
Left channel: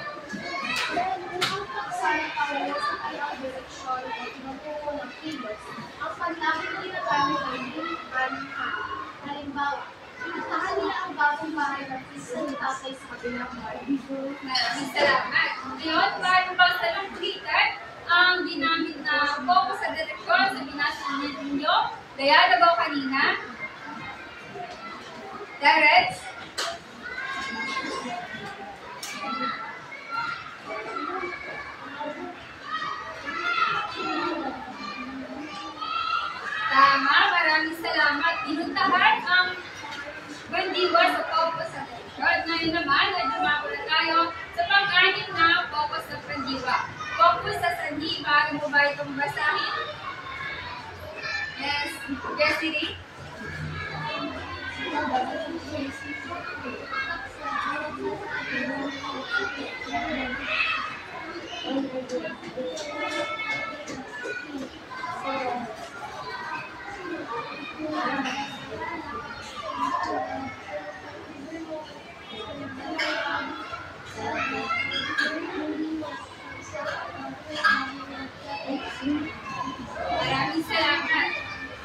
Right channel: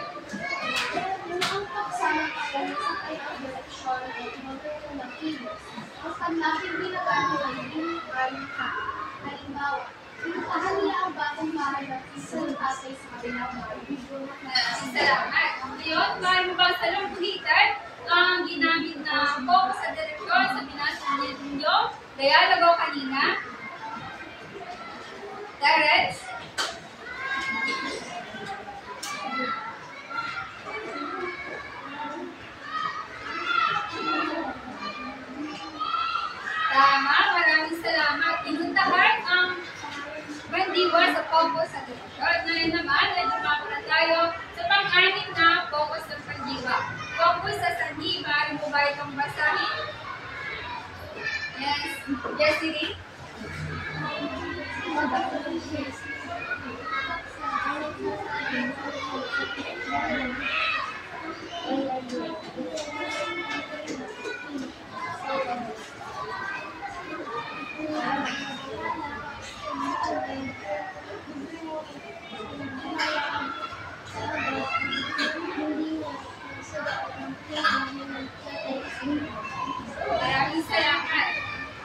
Ang pagsama para sa kayang direksyon o tinutuko ng kilos, ang panlapit ginagamit ay in-an ka. Halimbawa, pinuntahan nila ang bagong bahay ng isang tatay sa kabilang bahay. Maraming salamat. Ngayon, maaari mo bang salungkulitan ang ginamit na focus sa direksyon sa binasa ninyo? Dialogo kanina. Direct. Tama, maraming salamat. Inuntahan ang bandiwa sa focus sa direksyon. Ngayon naman, ay dumako na tayo sa pang-anim na focus ng bandiwa. Focus sa sanhi. Maaari mo ba itong basahin? Yes. Yes, Siri? Maraming salamat.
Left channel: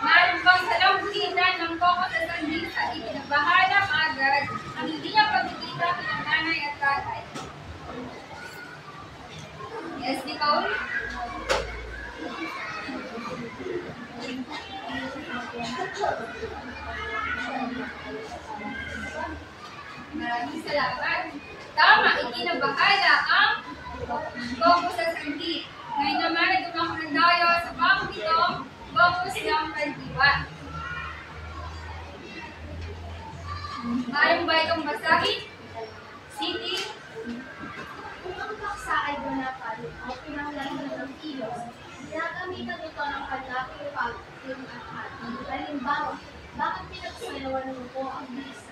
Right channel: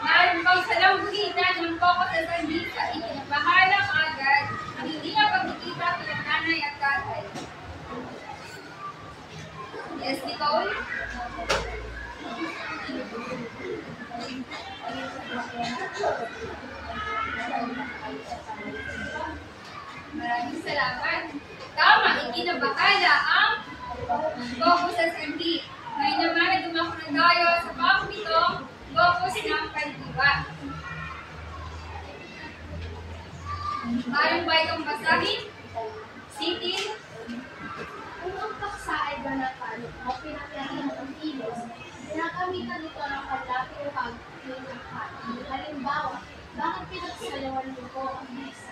Maaari mo bang salungkulitan ng focus sa sanhi sa ikinabahalang agad ang hindi niya pagkikita bilang nanay at tatay? Yes, Nicole? Maraming salamat. Tama, ikinabahala ang focus sa sanhi. Ngayon naman, dumako na tayo sa pang-pitong focus ng pandiwa. Mayroon ba itong basahin? City? Kung ang paksa ay ganapan o pinanglasan ng kilos, ginagamitan ito ng panlaki o pag-yung ng hati. Halimbawa, bakit pinagsayawan mo po ang mesa?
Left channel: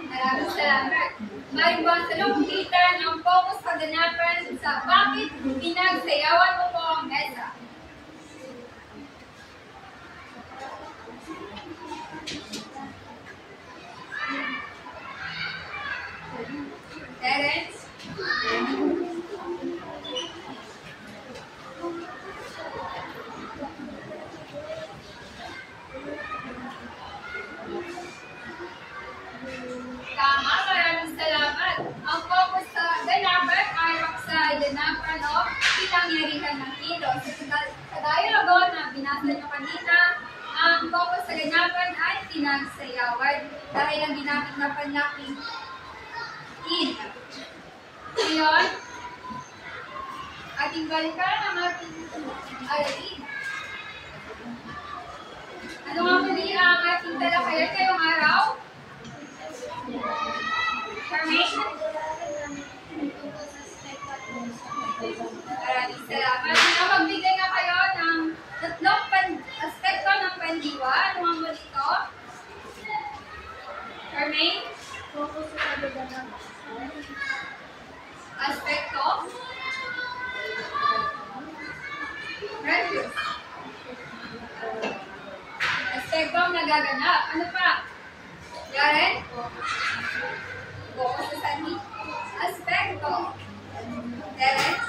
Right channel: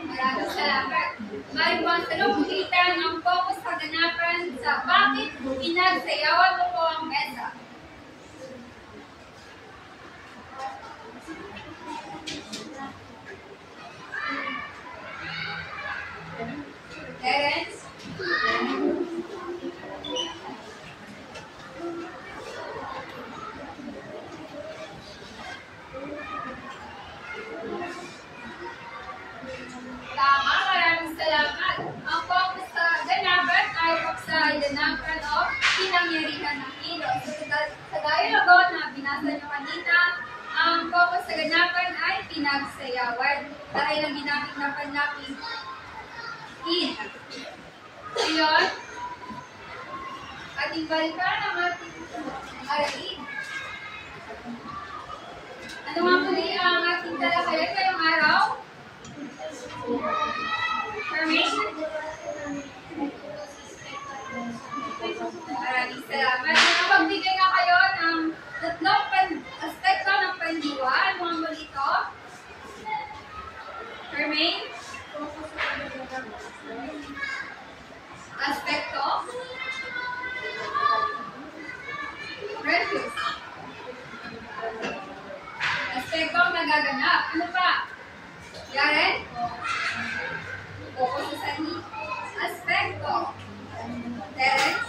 Maraming salamat. Mayroon ba ang salungkitan ng focus kaganapan sa bakit pinagsayawan mo po ang mesa? Terence? Tama, maraming salamat. Ang focus sa ganapan ay ganapan o pinangyarihan ng kilos. Sa dialogo na binasa nyo kanina, ang focus sa ganapan ay pinagsayawan dahil ang ginamit na panlaking in. Ngayon, ating balikan ang ating aralin. Ano nga muli ang ating talakayan ngayong araw? Formation? Maraming salamat. Magbigay nga kayo ng tatlong aspekto ng pandiwa. Ano nga muli ito? Fermain? Aspekto? Refuse? Aspekto ang nagaganap. Ano pa? Yaren? Focus sa sanhi. Aspekto. Terence?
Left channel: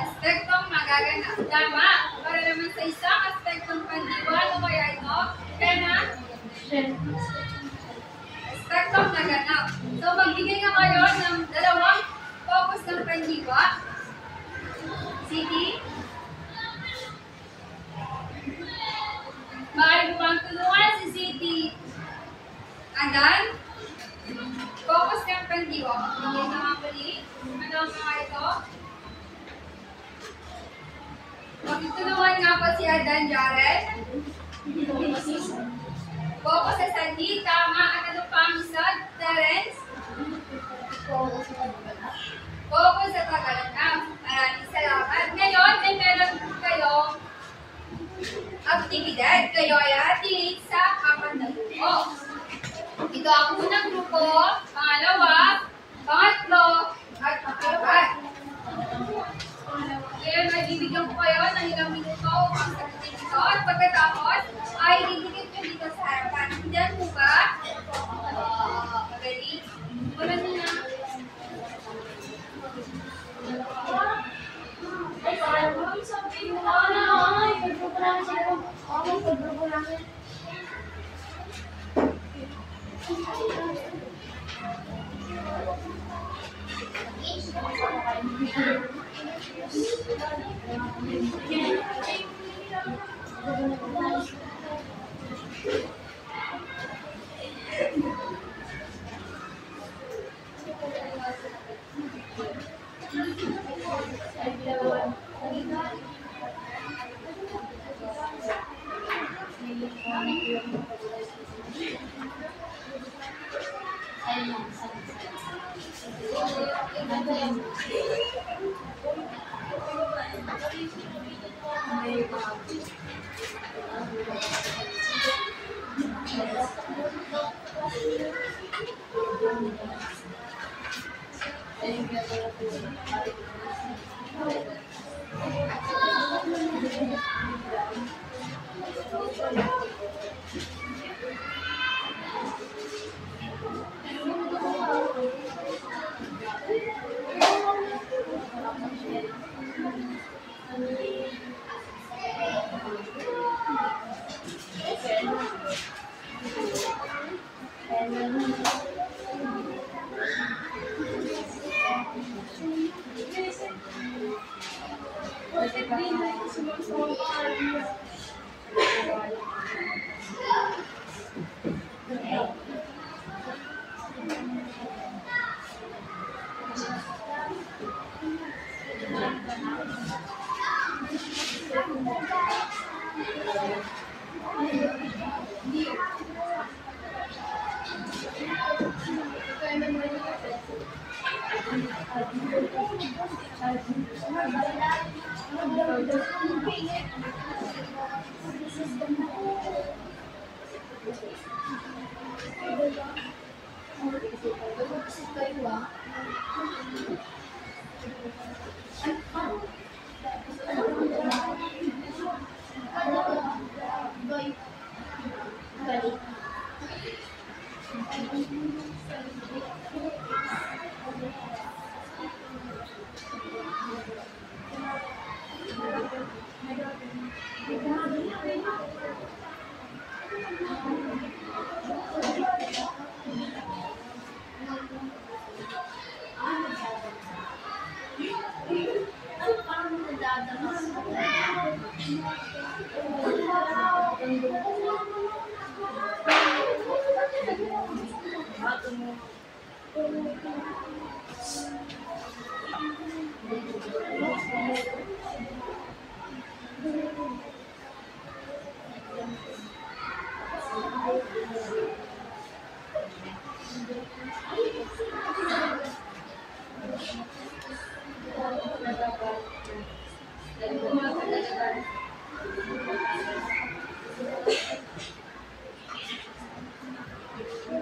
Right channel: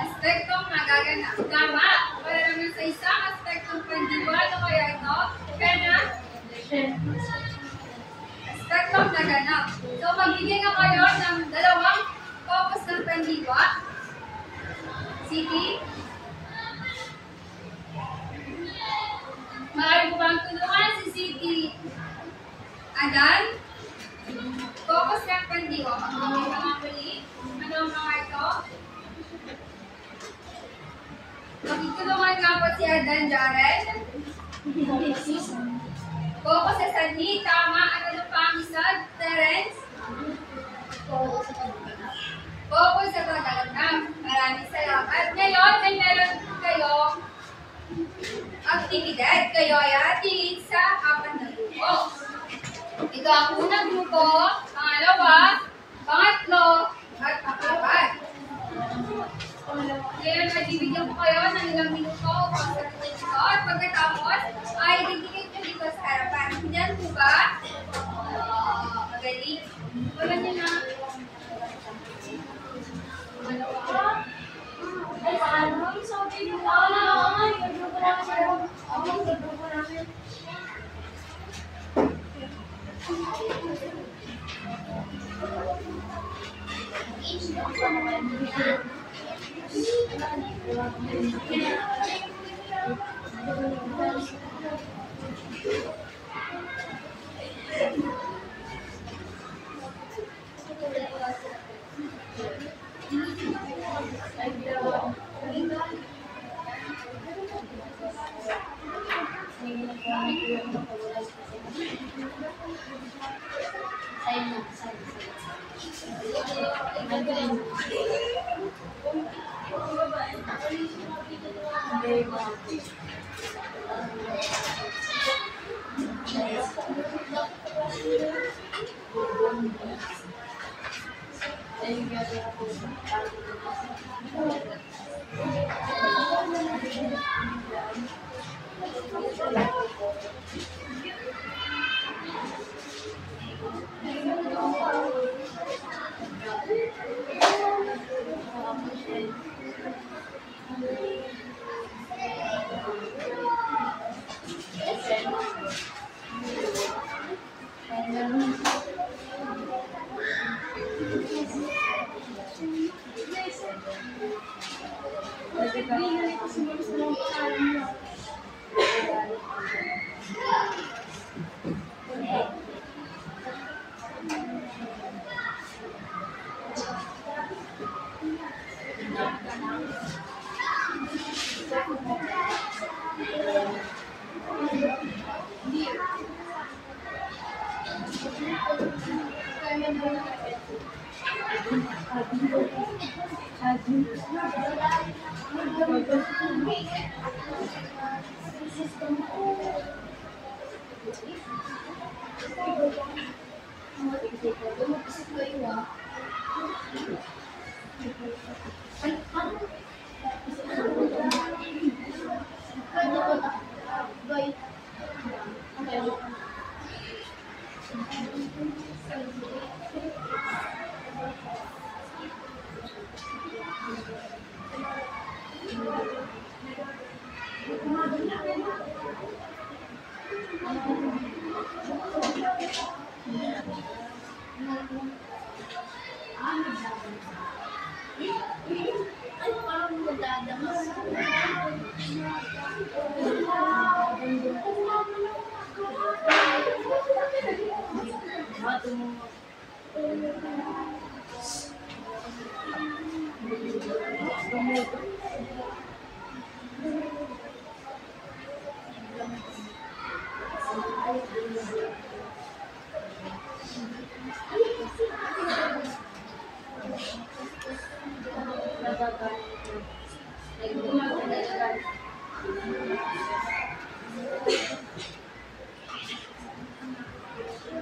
Aspektong nagaganap. Tama. Para naman sa isang aspektong pandiwa, ano kaya ito? Kena? Aspektong naganap. So, magbigay nga kayo ng dalawang focus ng pandiwa. City? Maaari mo bang tulungan si City? Adan? Focus ng pandiwa. Magbigay ka nga muli. Ano ang mga ito? Magtutulungan nga po si Adan, Jaren. Focus sa sanhi. Tama. Ano pa ang isa? Terence? Focus sa kagalanap. Maraming salamat. Ngayon, ay meron kayong aktibidad. Kayo ay ating sa 4 na grupo. Ito ang unang grupo, pangalawa, pangatlo, at pang-apat. Ngayon, magbibigyan ko kayo ng ilang minuto upang sagutin ito. At pagkatapos, ay didikit nyo dito sa harapan. Diyan po ba? Magaling. Wala nyo na. Ay, paano? Sabi mo, mag-grupo namin sila. Mag-grupo namin.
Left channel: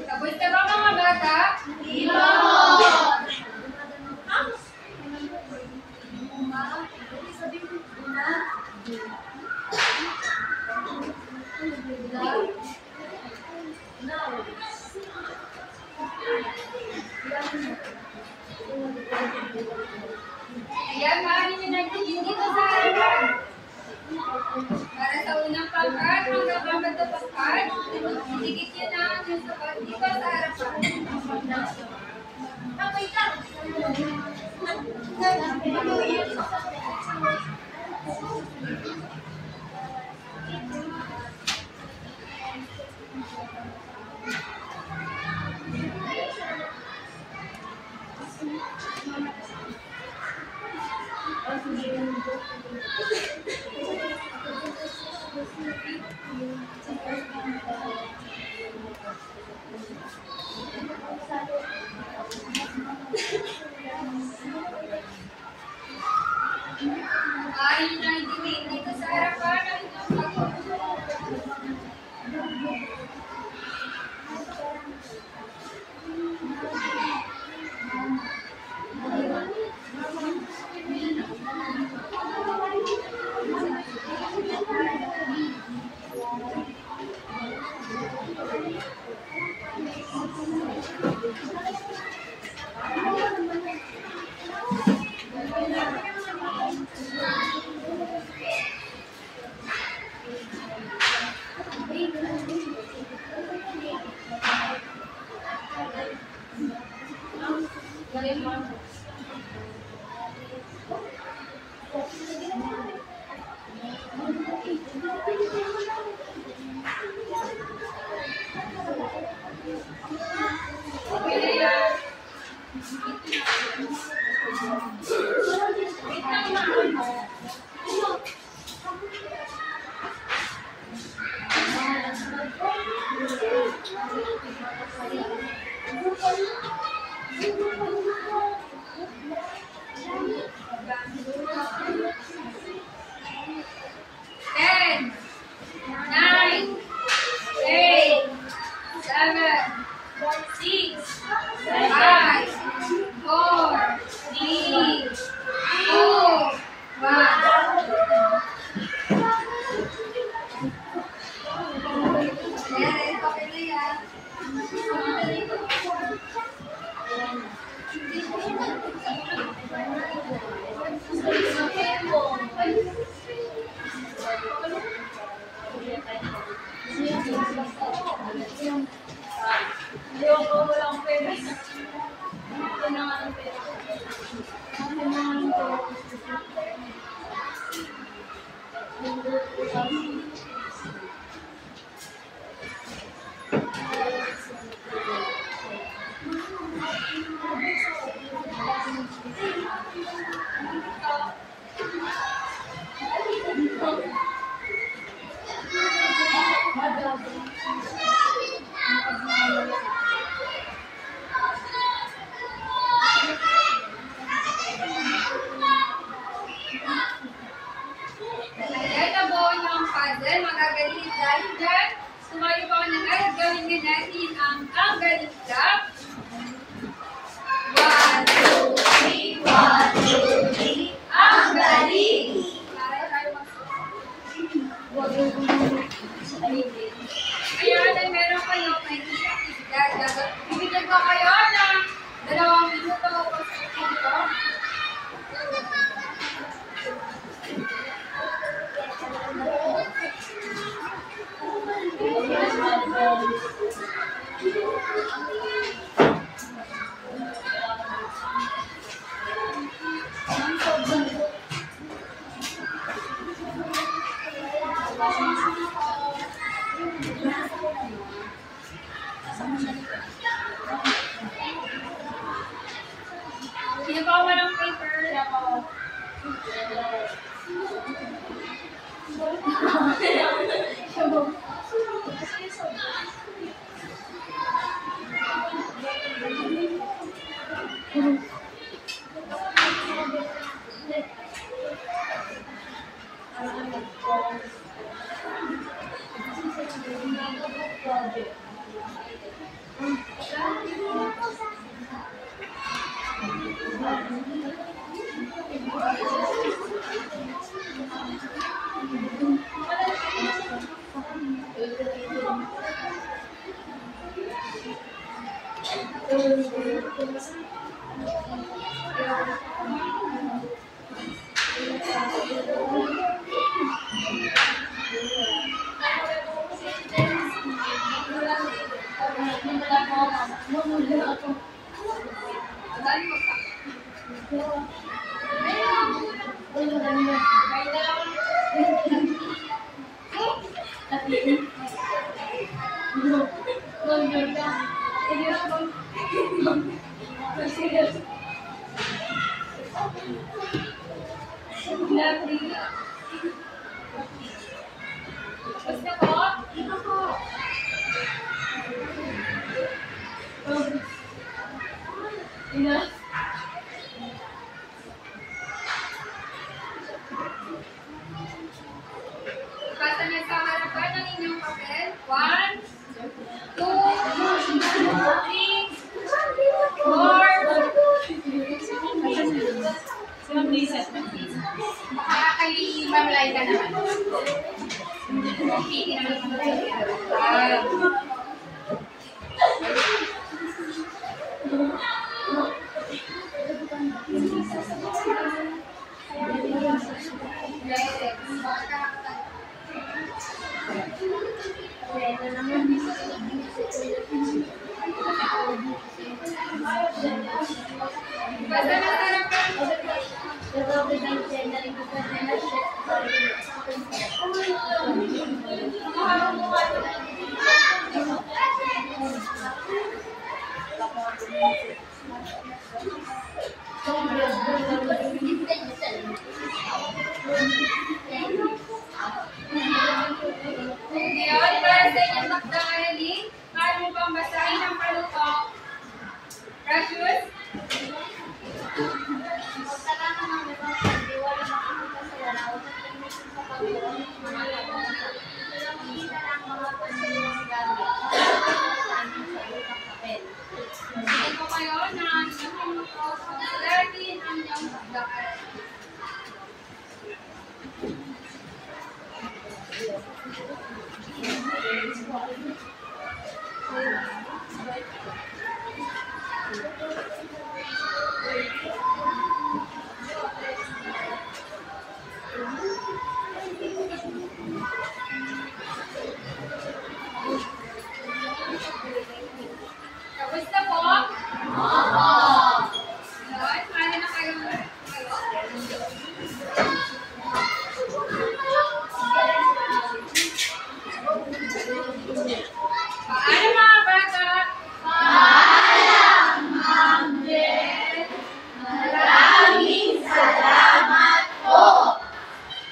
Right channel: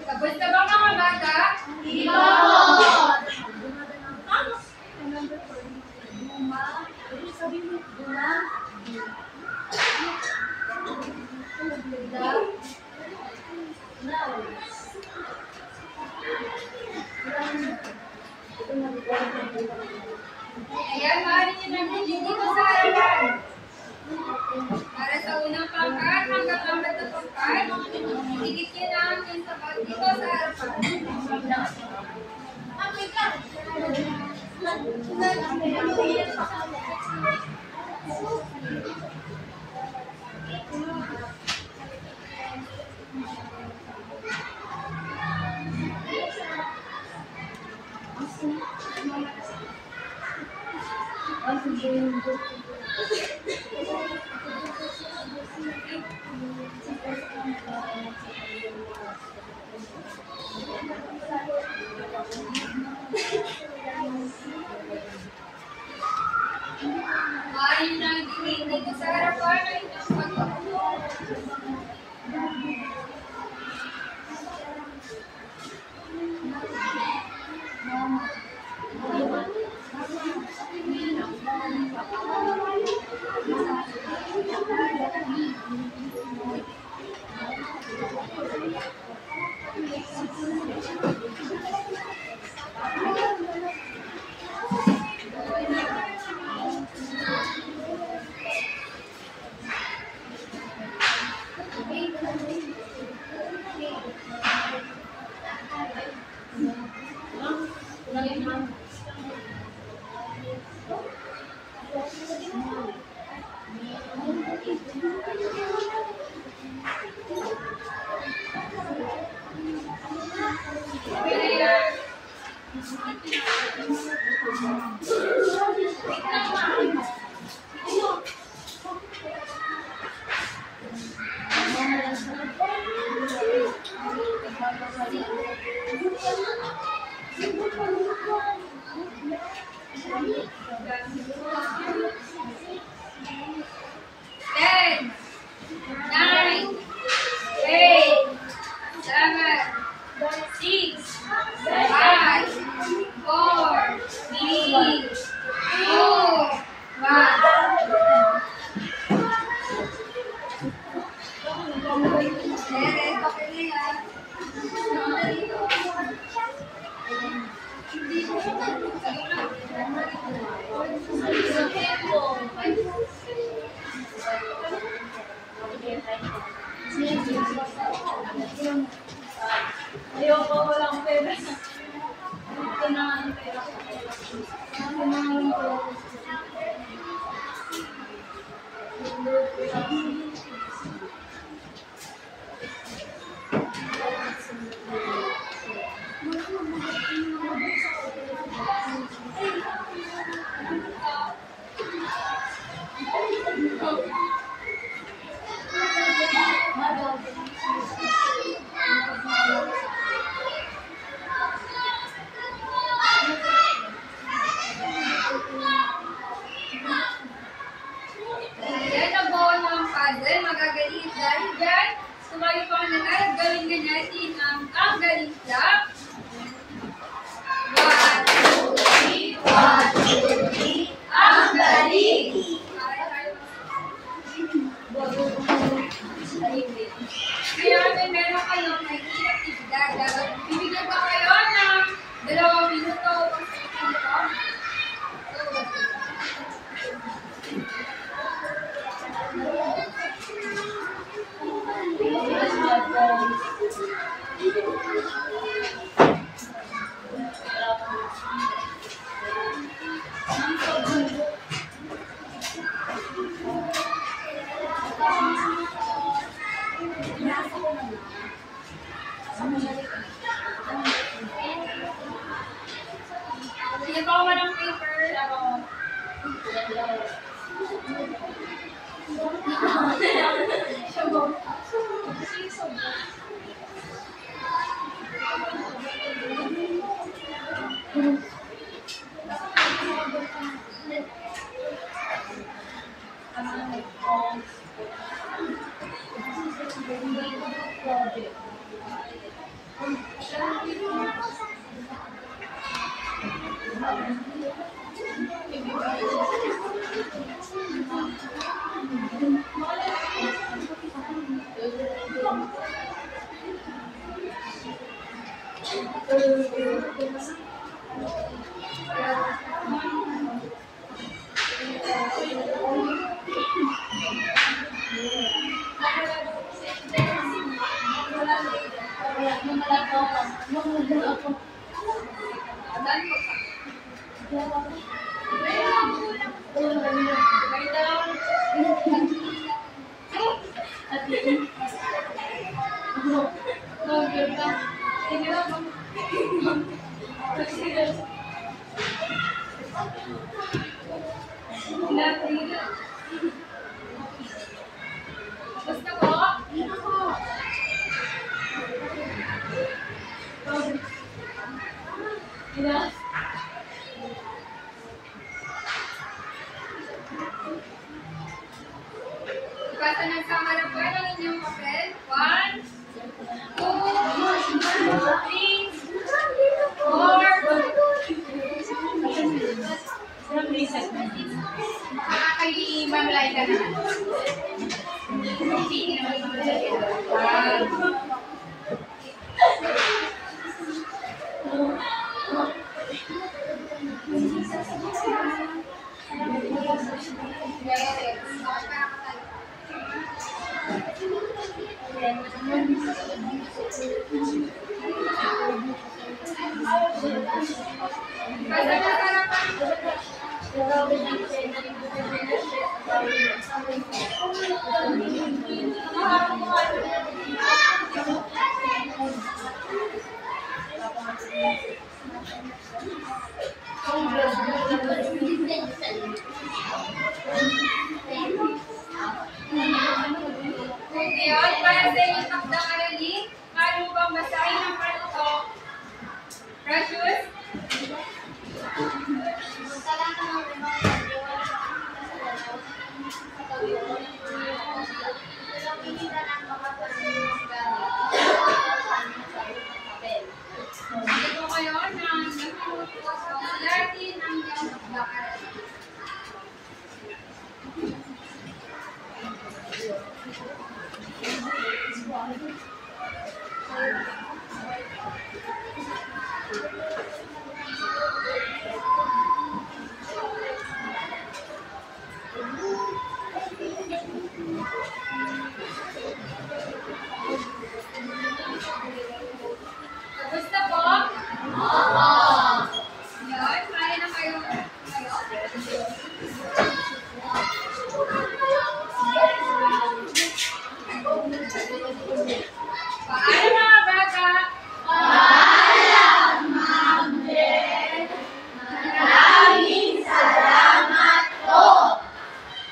Tapos na ba mga bata? Ayan, maaari nyo nagtigil dito sa harapan. Para sa unang pangkat hanggang apat na pangkat, dikit nyo na ang sagot dito sa harapan. Maaari nyo nang itigil dito sa harapan ang inyong sagot. Ayoko, walang pera. Ito na nga ang pera. Ito na nga ang pera. Dahil mo ka. Gusto ko? Basta nagsaharapan ng inyong papel. 1, 2, 3, 4. Makakalimalay ka naman. Hindi naman Ngayon, para sa inyong takdang aralin, maaari mo bang basahin ang panuto? Precious? Magtalaka ng mga pagdiwala makikita sa larawan sa inis sa pagdiwala ng mga larawan. Makikita ang mga pagdiwang gamit sa amin sa lupang papel. Ito kayo na inyong panuto sa suliratin ang inyong takdang aralin.